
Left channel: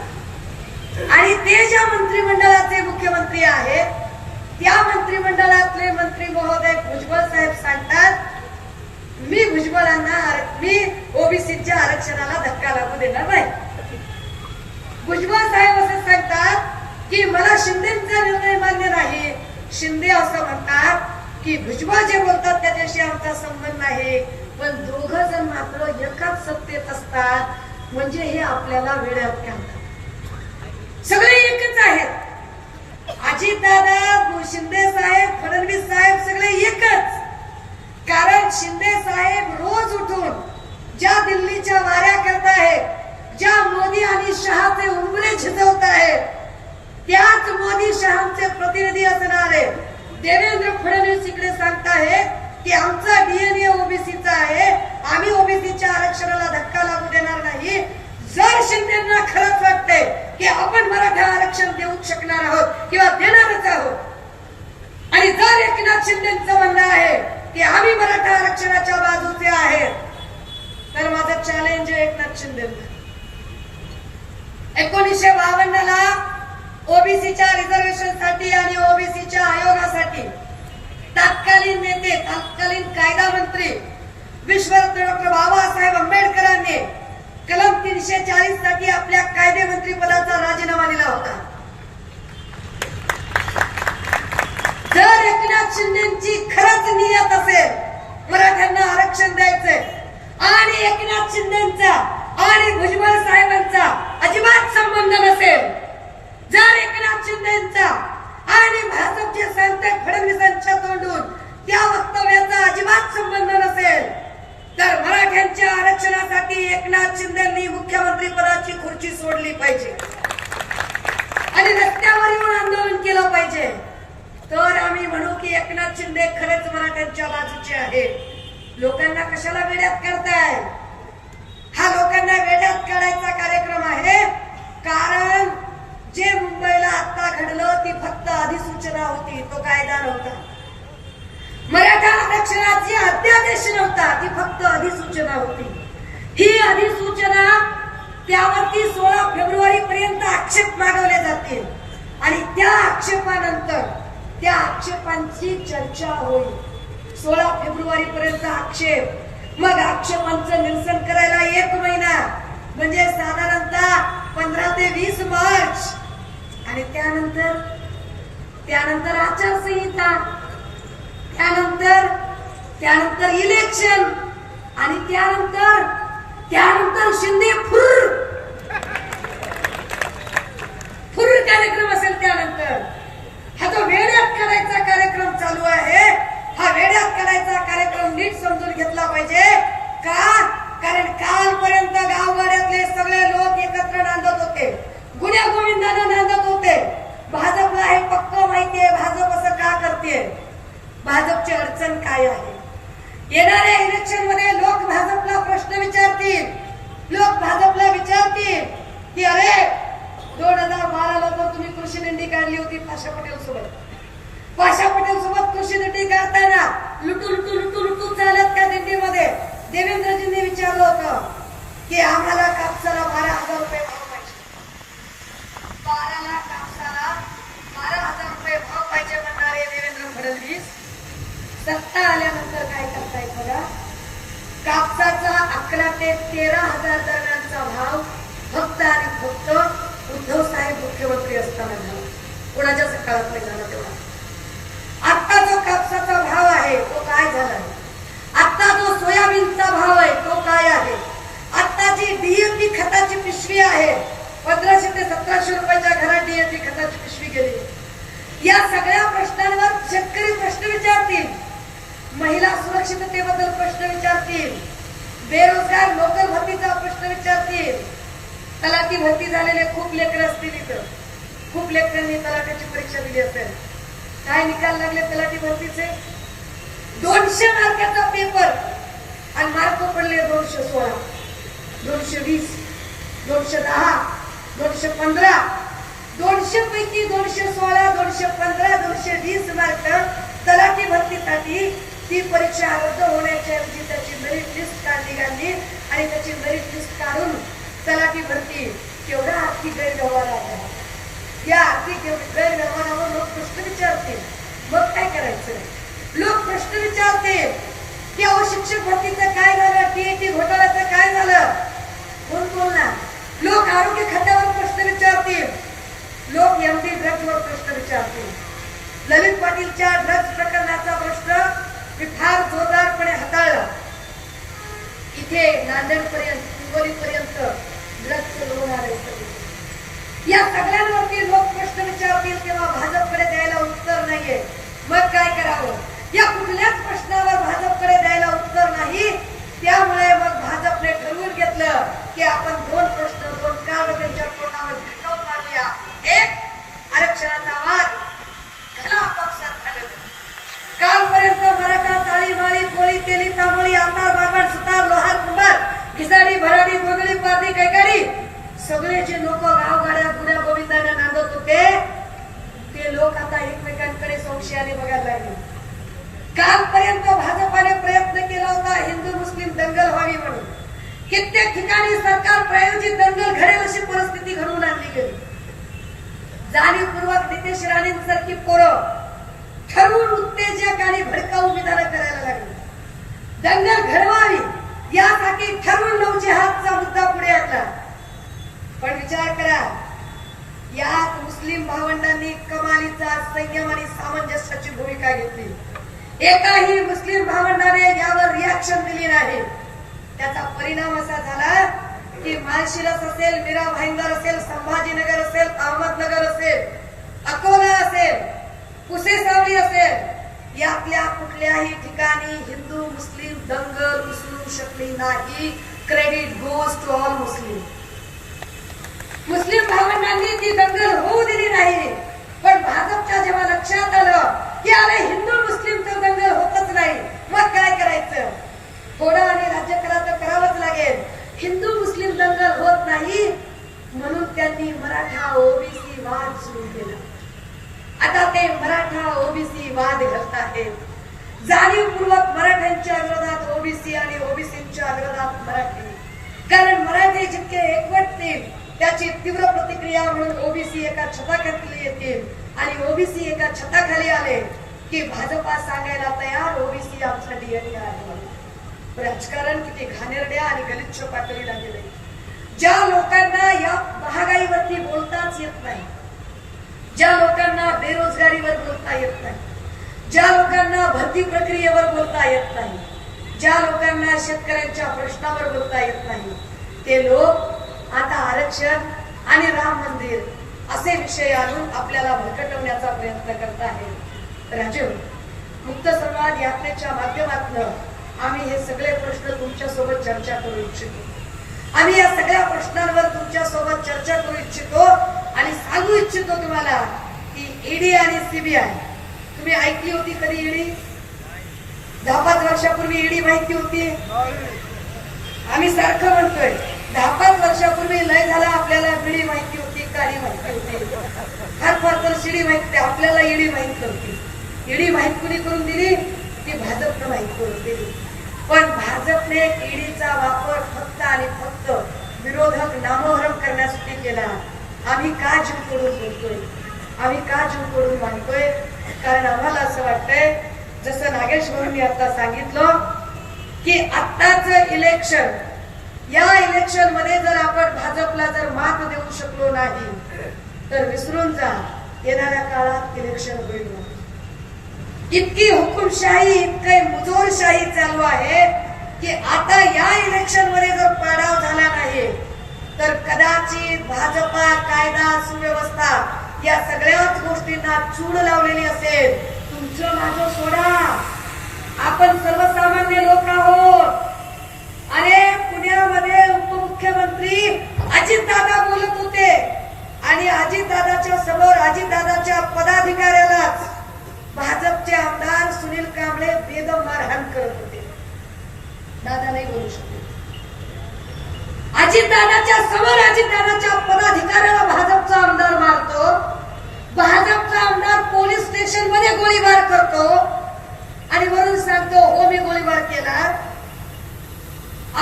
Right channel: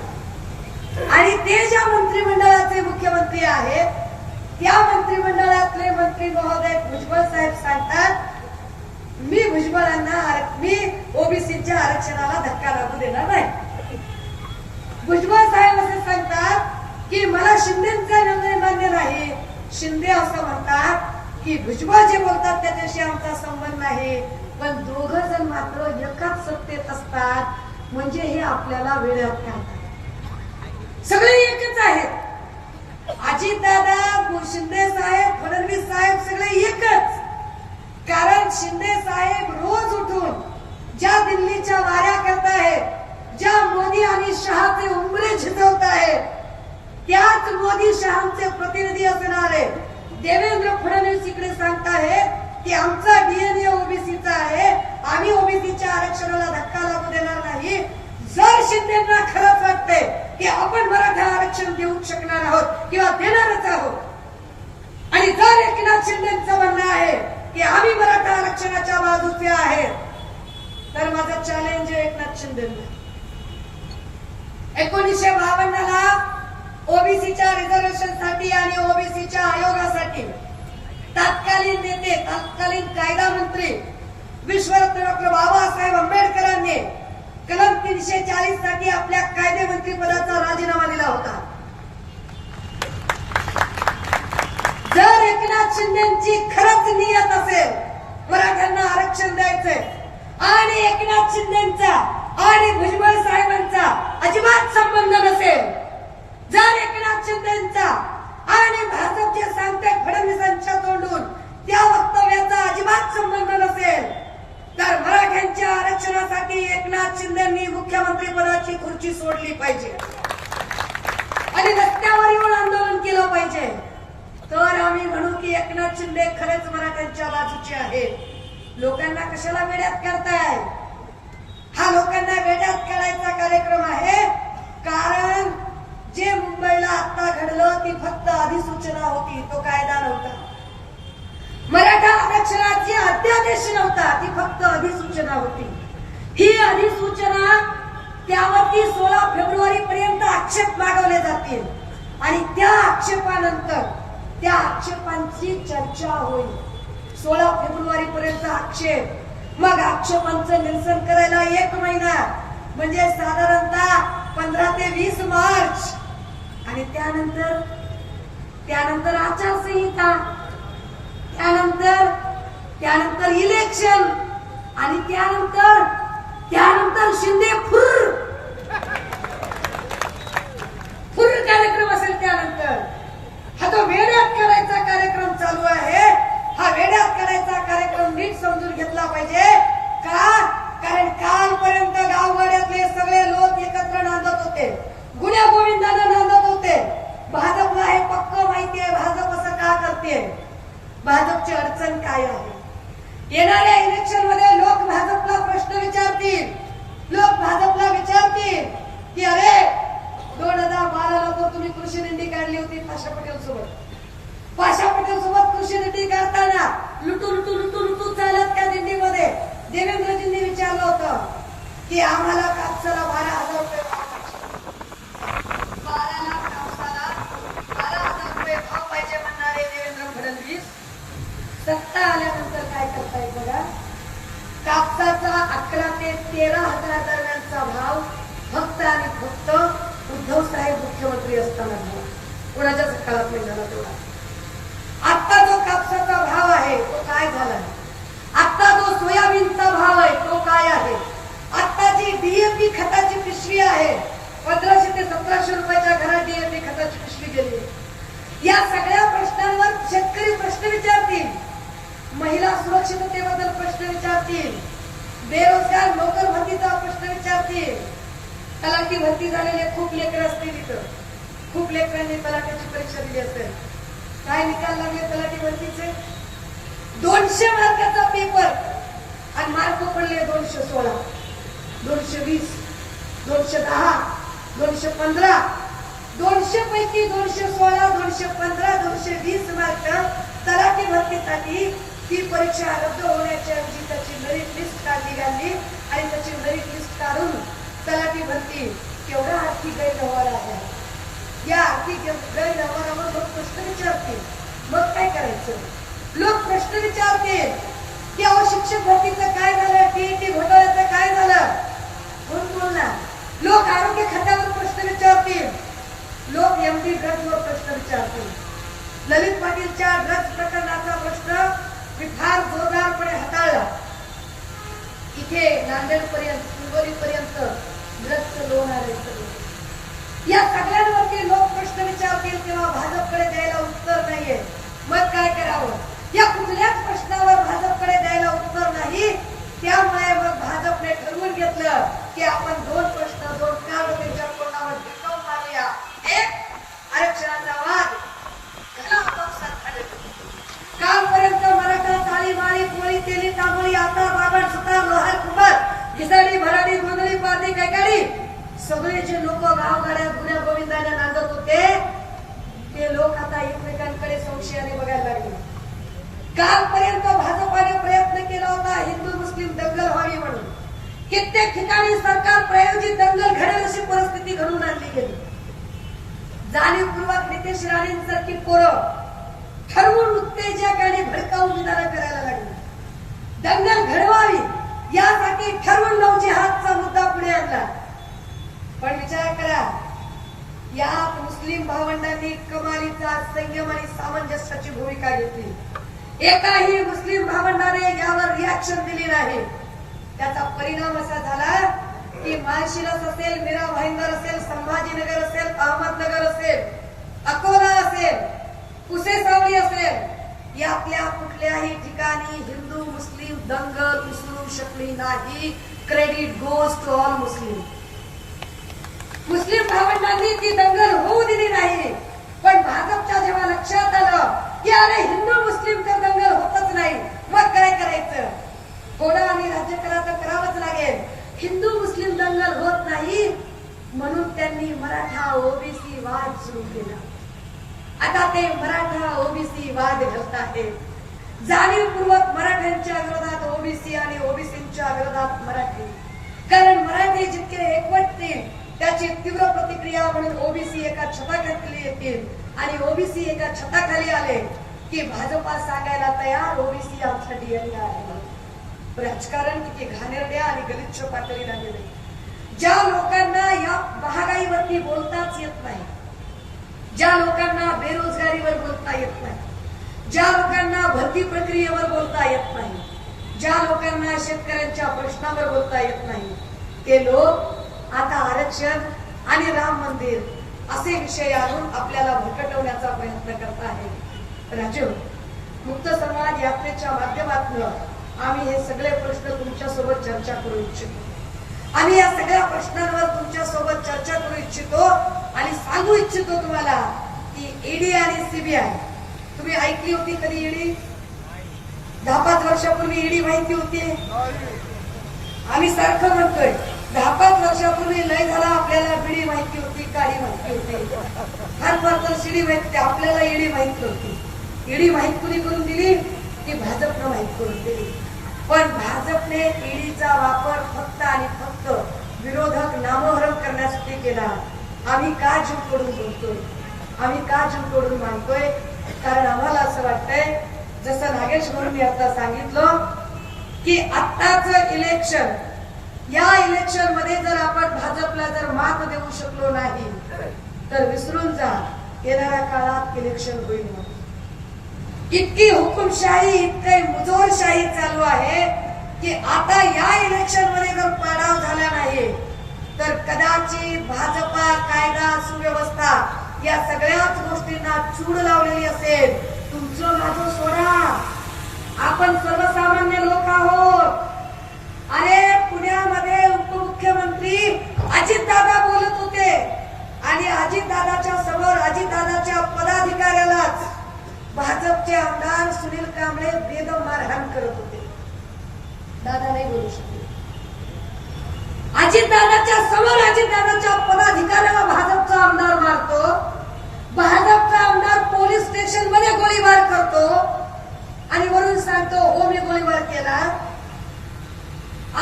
आणि ते ज्या मंत्रिमंडळाचे मुख्यमंत्री आहेत, त्या मंत्रिमंडळातले मंत्री महोदय भुजबळ साहेब सांगतात मी मी ओबीसीच्या आरक्षणाला धक्का लागू देणार नाही. भुजबळ साहेब असं सांगतात की मला शिंदेचा निर्णय मान्य नाही. शिंदे असं म्हणतात की भुजबळ जे बोलतात त्याच्याशी आमचा संबंध नाही. पण दोघं जण मात्र एकाच सत्तेत असतात, म्हणजे हे आपल्याला वेड्यात घालतात. सगळे एकच आहेत. अजितदादा, शिंदे साहेब, फडणवीस साहेब सगळे एकच. कारण शिंदे साहेब रोज उठून ज्या दिल्लीच्या वाऱ्या करत आहेत, ज्या मोदी आणि शहाचे उंबरे झिजवत आहे त्याच मोदी शहाचे प्रतिनिधी असणारे देवेंद्र फडणवीस इकडे सांगताय की आमचा डीएनए ओबीसीचा आहे, आम्ही ओबीसीच्या आरक्षणाला धक्का लागू देणार नाही. जर शिंदेना खरंच वाटते की आपण मराठा आरक्षण देऊ शकणार आहोत किंवा देणारच आहोत आणि जर एकनाथ शिंदेचं म्हणणं आहे की आम्ही मराठा आरक्षणाच्या बाजूचे आहे, तर माझं चॅलेंज आहे एकनाथ शिंदेना. 1952ला ओबीसीच्या रिझर्वेशनसाठी आणि ओबीसीच्या आयोगासाठी तत्कालीन नेते, तत्कालीन कायदा मंत्री विश्वरत्न डॉक्टर बाबासाहेब आंबेडकरांनी कलम 340 साठी आपल्या कायदे मंत्री पदाचा राजीनामा दिला होता. जर एकनाथ शिंदेची खरंच नियत असेल मराठ्यांना आरक्षण द्यायचंय आणि एकनाथ शिंदेचा आणि भुजबळ साहेबांचा अजिबात संबंध नसेल, जर एकनाथ शिंदेचा आणि भाजपचे सांगते फडणवीसांच्या तोंडून त्या वक्तव्याचा अजिबात संबंध नसेल, तर मराठ्यांच्या आरक्षणासाठी एकनाथ शिंदेंनी मुख्यमंत्री पदाची खुर्ची सोडली पाहिजे आणि रस्त्यावर येऊन आंदोलन केलं पाहिजे. तर आम्ही म्हणू की एकनाथ शिंदे खरेच मराठ्यांच्या बाजूचे आहे. लोकांना कशाला वेड्यात करताय? हा लोकांना वेड्यात काढायचा कार्यक्रम आहे. कारण जे मुंबईला आता घडलं ती फक्त अधिसूचना होती, तो कायदा नव्हता. मराठा आरक्षणाची अध्यादेश नव्हता, ती फक्त अधिसूचना होती. ही अधिसूचना त्यावरती 16 फेब्रुवारी पर्यंत आक्षेप मागवले जातील आणि त्या आक्षेपानंतर त्या आक्षेपांची चर्चा होईल. 16 फेब्रुवारी पर्यंत आक्षेप, मग आक्षेपांचं निरसन करायला 1 महिना म्हणजे साधारणतः 15 ते 20 मार्च आणि त्यानंतर आचारसंहिता, त्यानंतर इलेक्शन आणि त्यानंतर शिंदे फुर कार्यक्रम असेल. त्यानंतर हा जो वेड्यात करायचा कार्यक्रम चालू आहे, हा वेड्यात करायचा कार्यक्रम नीट समजून घेतला पाहिजे. का? कारण कालपर्यंत गावगाड्यातले सगळे लोक एकत्र नांदत होते, गुन्ह्या गोविंदाने नांदत होते. भाजपला हे पक्क माहितीये भाजप असं का करते, भाजपची अडचण काय आहे. येणाऱ्या इलेक्शन मध्ये लोक भाजपला प्रश्न विचारतील, लोक भाजपला विचारतील की अरे 2012ला तर तुम्ही कृषी दिंडी काढली होती पाशा पटेल सोबत कृषी दिंडी काढताना लुटू चालत त्या दिंडीमध्ये देवेंद्रजींनी विचारलं होतं की आम्हाला कापसाला 12,000 रुपये भाव पाहिजे म्हणणारे देवेंद्र फडणवीस सत्ता आल्यानंतर काय करतायत बघा. कापसाचा 11 ते 13,000 दरम्यानचा भाव फक्त आणि फक्त उद्धव साहेब मुख्यमंत्री असताना कोणाच्या सकाळात नाही झाला तेव्हा. आता जो कापसाचा भाव आहे तो काय झाला, आता जो सोयाबीनचा भाव आहे तो काय आहे, आता जी डीएपी खताची पिशवी आहे 1500 ते 1700 रुपयाच्या घरात डीएपी खताची पिशवी गेली. या सगळ्या प्रश्नांवर शेतकरी प्रश्न विचारतील, महिला सुरक्षिततेबद्दल प्रश्न विचारतील, बेरोजगार नोकर भरतीचा प्रश्न विचारतील. तलाठी भरती झालेले खूप लेकर असतील इथं, खूप लेकरांनी तलाठीची परीक्षा दिली असेल. काय निकाल लागले तलाठी भरतीचे? 200 मार्काचा पेपर आणि मार्क पडले 216, 220, 210, 215. 200 पैकी 216, 215, 220 मार्क तलाठी भरतीसाठी ती परीक्षा रद्द होण्याच्या ऐवजी त्याची मेरिट लिस्ट काढली गेली आणि त्याची मेरिट लिस्ट काढून तलाठी भरती केवढा आर्थिक गैरव्यवहार आहे. या आर्थिक गैरव्यवहारावर लोक प्रश्न विचारतील, मग काय करायचं? लोक प्रश्न विचारतील की अहो शिक्षक भरतीचं काय झालं, टीएटी घोटाळ्याचं काय झालं, कोण बोलणार? लोक आरोग्य खात्यावर प्रश्न विचारतील, लोक एमडी ड्रग्जवर प्रश्न विचारतील. ललित पाटीलच्या ड्रग्ज प्रकरणाचा प्रश्न मी फार जोरदारपणे हाताळला. इथे नांदेडपर्यंत हिंगोलीपर्यंत ड्रग्जचं लोन आलंय. या सगळ्यांवरती लोक प्रश्न विचारतील तेव्हा भाजपकडे द्यायला उत्तर नाहीये, मग काय करावं? या कुठल्याच प्रश्नावर भाजपकडे द्यायला उत्तर नाही. त्यामुळे मग भाजपने ठरवून घेतलं की आपण 2 प्रश्न शब्द त्यांच्या तोंडावर भिडकावून मारल्या. एक आरक्षणाचा वाद घाला आपापसात झालं. कालपर्यंत मराठा काळी माळी पोळी तेली तांबोळी आकार बाबड सुतार लोहार कुंभार घिसाडी भराडी गोंधळी पारधी कैकाडी सगळे जे लोक गावगाड्या गुड्या गोविंदाने नांदत होते ते लोक आता एकमेकांकडे संशयाने बघायला लागले. कालपर्यंत भाजपाने प्रयत्न केला होता हिंदू मुस्लिम दंगल व्हावी म्हणून. कित्येक ठिकाणी सरकार प्रायोजित दंगल घडेल अशी परिस्थिती घडून आणली गेली. जाणीवपूर्वक नितेश राणेंसारखी पोरं ठरवून उत्तेजक आणि भडकाऊ विधानं करायला लागली. दंगल घडवावी यासाठी ठरवून नऊ जिहादचा मुद्दा पुढे आणला. पण विचार करा, यात मुस्लिम भावंडांनी कमालीचा संयम आणि सामंजस्याची भूमिका घेतली. एकाही मुस्लिम भावंडाने यावर रिॲक्शन दिली नाही. त्याचा परिणाम असा झाला की माळशिरस असेल, मीरा भाईंदर असेल, संभाजीनगर असेल, अहमदनगर असेल, अकोला असेल, कुसेसावळी असेल, यातल्या कुठल्याही ठिकाणी हिंदू मुस्लिम दंगल विसरू शकली नाही. Credit goes to all Muslim. मुस्लिम भावंडांनी ती दंगल होऊ दिली नाही. पण भाजपच्या जेव्हा लक्षात आलं की अरे हिंदू मुस्लिमचं दंगल होतच नाही, मग काय करायचं? थोडं आणि राज्य करायचं करावंच लागेल. हिंदू मुस्लिम दंगल होत नाही म्हणून त्यांनी मराठा ओबीसी वाद सुरू केला. आता ते मराठा ओबीसी वाद घडत आहेत. जाणीवपूर्वक मराठ्यांच्या विरोधात ओबीसी आणि ओबीसीच्या विरोधात मराठी. कारण मराठी जितके एकवटतील त्याची तीव्र प्रतिक्रिया म्हणून ओबीसी एका छताखाली येतील आणि ओबीसी एका छताखाली आले की भाजपा सांगायला तयार ओबीसी आमचा डीएनए आहे. राजकारण किती घाणेरड्या आणि गलिच्छ पातळीला गेले. ज्या लोकांना या महागाईवरती बोलताच येत नाही, ज्या लोकांना बेरोजगारीवर बोलता येत नाही, ज्या लोकांना भरती प्रक्रियेवर बोलता येत नाही, ज्या लोकांना शेतकऱ्यांच्या प्रश्नावर बोलता येत नाही, ते लोक आता आरक्षण आणि राम मंदिर असे विषय आणून आपल्याला भरकटवण्याचा प्रयत्न करत आहेत. राजू, मुक्त समाज यात्रेच्या माध्यमातून आम्ही हे सगळे प्रश्न तुमच्यासोबत चर्चा करू इच्छितो. आम्ही या सगळ्या प्रश्नांवर तुमच्यासोबत चर्चा करू इच्छितो आणि सांगू इच्छितो तुम्हाला की ईडी आणि सीबीआय, तुम्ही ऐकली होती कधी ईडी? 10-5 वर्षापूर्वी ईडी माहिती होती? आम्ही सारखं म्हणतोय 10-5 वर्षापूर्वी लय झाला आपल्याला बीडी माहिती होती, काळी माहिती होती, फार तर शिडी माहिती, आपल्याला ईडी माहित नव्हती. ईडी माहित कुणी करून दिली? ती भाजपनं माहित करून दिली. पण भाजपने ईडीचा वापर फक्त आणि फक्त विरोधक नामोहरम करण्यासाठी केला. आम्ही का जीव तोडून बोलतोय? आम्ही का जीव तोडून मानतोय? कारण आम्हाला असं वाटतंय, जसं नागेश्वरींनी आता सांगितलं की आत्ताच इलेक्शन, या इलेक्शन मध्ये जर आपण भाजपला जर मात देऊ शकलो नाही तर विसरून जा, येणाऱ्या काळात इलेक्शन होईल. इतकी हुकुमशाही, इतकी मुजोरशाही चालू आहे की आता या इलेक्शन मध्ये जर पाडाव झाला नाही तर कदाचित भाजपा कायदा सुव्यवस्था या सगळ्याच गोष्टींना चूड लावलेली असेल. तुमचं माझं सोडा, आपण सर्वसामान्य लोक आहोत. अरे पुण्यामध्ये उपमुख्यमंत्री अजितदादा बोलत होते आणि अजितदादाच्या समोर अजितदादाच्या पदाधिकाऱ्यालाच भाजपचे आमदार सुनील कांबळे बेदम मारहाण करत होते. दादा नाही बोलू शकते. अजितदादाच्या समोर अजितदादाच्या पदाधिकाऱ्याला भाजपचा आमदार मारतो, भाजपचा आमदार पोलीस स्टेशन मध्ये गोळीबार करतो आणि वरून सांगतो हो मी गोळीबार केला.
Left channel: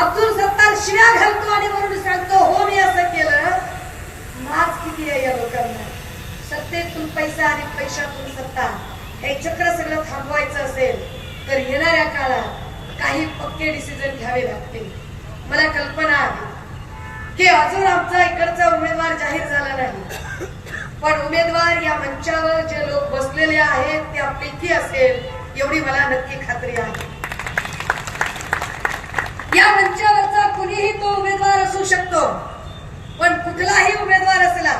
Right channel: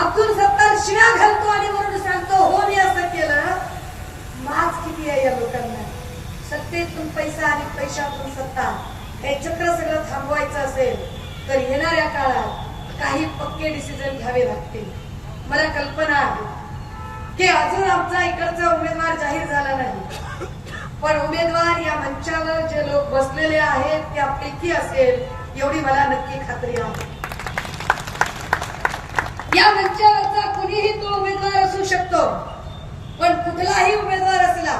अब्दुल सत्तार शिव्या घालतो आणि वरून सांगतो हो मी असं केलं. माज किती आहे या लोकांना? सत्तेतून पैसा आणि पैशातून सत्ता, हे चक्र सगळं थांबवायचं असेल तर येणाऱ्या काळात काही पक्के डिसिजन घ्यावे लागतील. मला कल्पना आहे की अजून आमचा इकडचा उमेदवार जाहीर झाला नाही, पण उमेदवार या मंचावर जे लोक बसलेले आहेत त्यापैकी असेल एवढी मला नक्की खात्री आहे. या मंचावरचा कुणीही तो उमेदवार असू शकतो, पण कुठलाही उमेदवार असला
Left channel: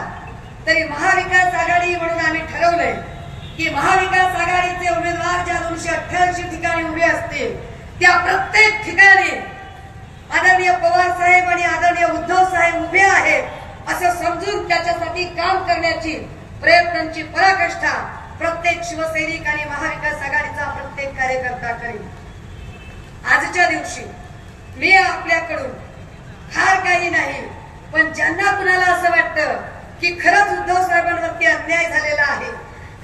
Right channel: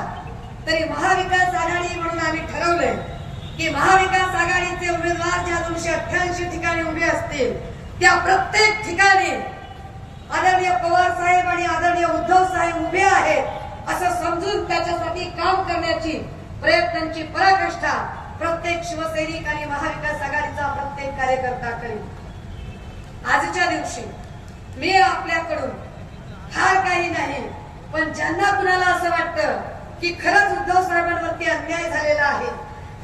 तरी महाविकास आघाडी म्हणून आम्ही ठरवलंय की महाविकास आघाडीचे उमेदवार ज्या 288 ठिकाणी उभे असतील त्या प्रत्येक ठिकाणी आदरणीय पवार साहेब आणि आदरणीय उद्धव साहेब उभे आहेत असं समजून त्याच्यासाठी काम करण्याची प्रयत्नांची पराकाष्ठा प्रत्येक शिवसैनिक आणि महाविकास आघाडीचा प्रत्येक कार्यकर्ता करेल. आजच्या दिवशी मी आपल्याकडून फार काही नाही, पण ज्यांना कुणाला असं वाटतं की खरंच उद्धव साहेबांवरती अन्याय झालेला आहे,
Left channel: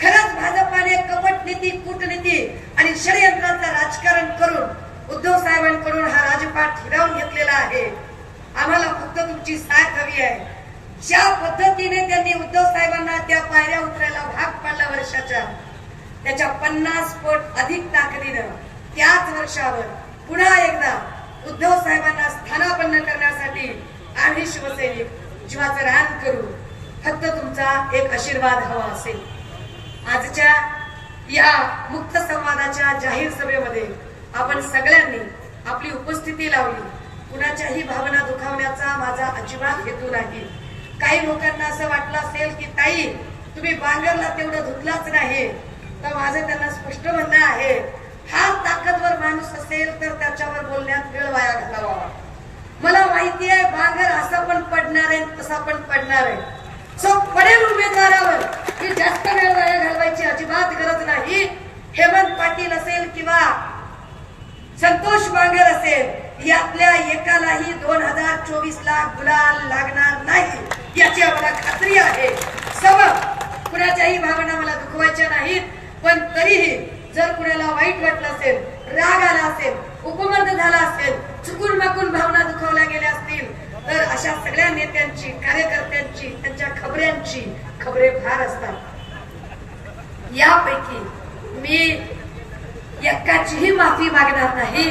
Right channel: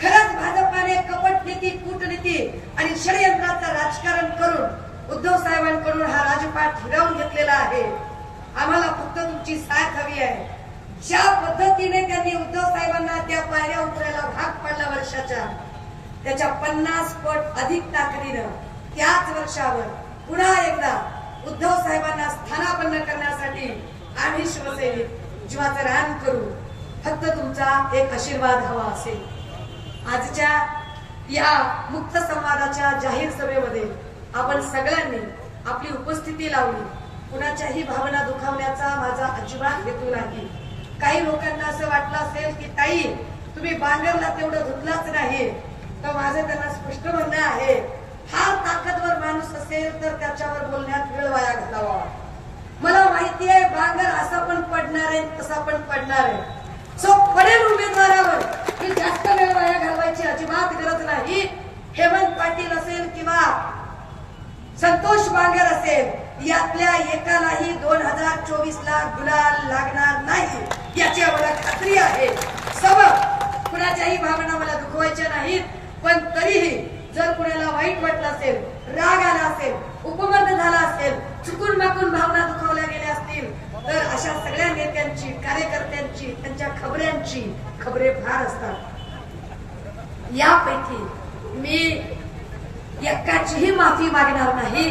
खरंच भाजपाने कपट नीती, कूटनीती आणि षडयंत्राचं राजकारण करून उद्धव साहेबांकडून हा राजपाट हिरावून घेतलेला आहे, आम्हाला फक्त तुमची साथ हवी आहे. ज्या पद्धतीने त्यांनी उद्धव साहेबांना त्या पायऱ्या उतरायला भाग पाडला वर्षाच्या, त्याच्या 50 पट अधिक ताकदीनं त्याच वर्षावर पुन्हा एकदा उद्धव साहेबांना स्थानापन्न करण्यासाठी आम्ही शिवसैनिक जीवाचं रान करू. फक्त तुमचा एक आशीर्वाद हवा असेल. आजच्या या मुक्त संवादाच्या जाहीर सभेमध्ये आपण सगळ्यांनी आपली उपस्थिती लावली. कुणाच्याही भावना दुखावण्याचा माझा अजिबात हेतू नाही. काही लोकांना असं वाटलं असेल की ताई तुम्ही बांगरला तेवढं धुतलाच नाही, तर माझं त्यांना स्पष्ट म्हणणं आहे, हा ताकदवर माणूस असेल तर त्याच्यावर बोलण्यात वेळ वाया घालावा. मला माहिती आहे बांगर असा पण पडणार आहे, तसा पण पडणार आहे. सो पडेल उमेदवारावर की जास्त वेळ वाया घालवायची अजिबात गरज नाही. हेमंत पाटील असेल किंवा संतोष बांगर असेल, यातल्या एकालाही 2024ला गुलाल लागणार नाही याची आम्हाला खात्री आहे. सबब कुणाच्याही भावना मला दुखवायच्या नाहीत, पण तरीही जर कुणाला वाईट वाटलं असेल, राग आला असेल, उपमर्द झाला असेल, चुकून माकून भावना दुखावल्या गेल्या असतील, तर अशा सगळ्या नेत्यांची, कार्यकर्त्यांची, त्यांच्या खबऱ्यांची खबरे फार असतात. यापैकी मी एकाचीही माफी मागणार नाही.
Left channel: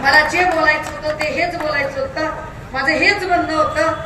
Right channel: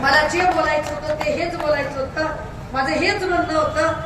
मला जे बोलायचं होतं ते हेच बोलायचं होतं. माझं हेच म्हणणं होतं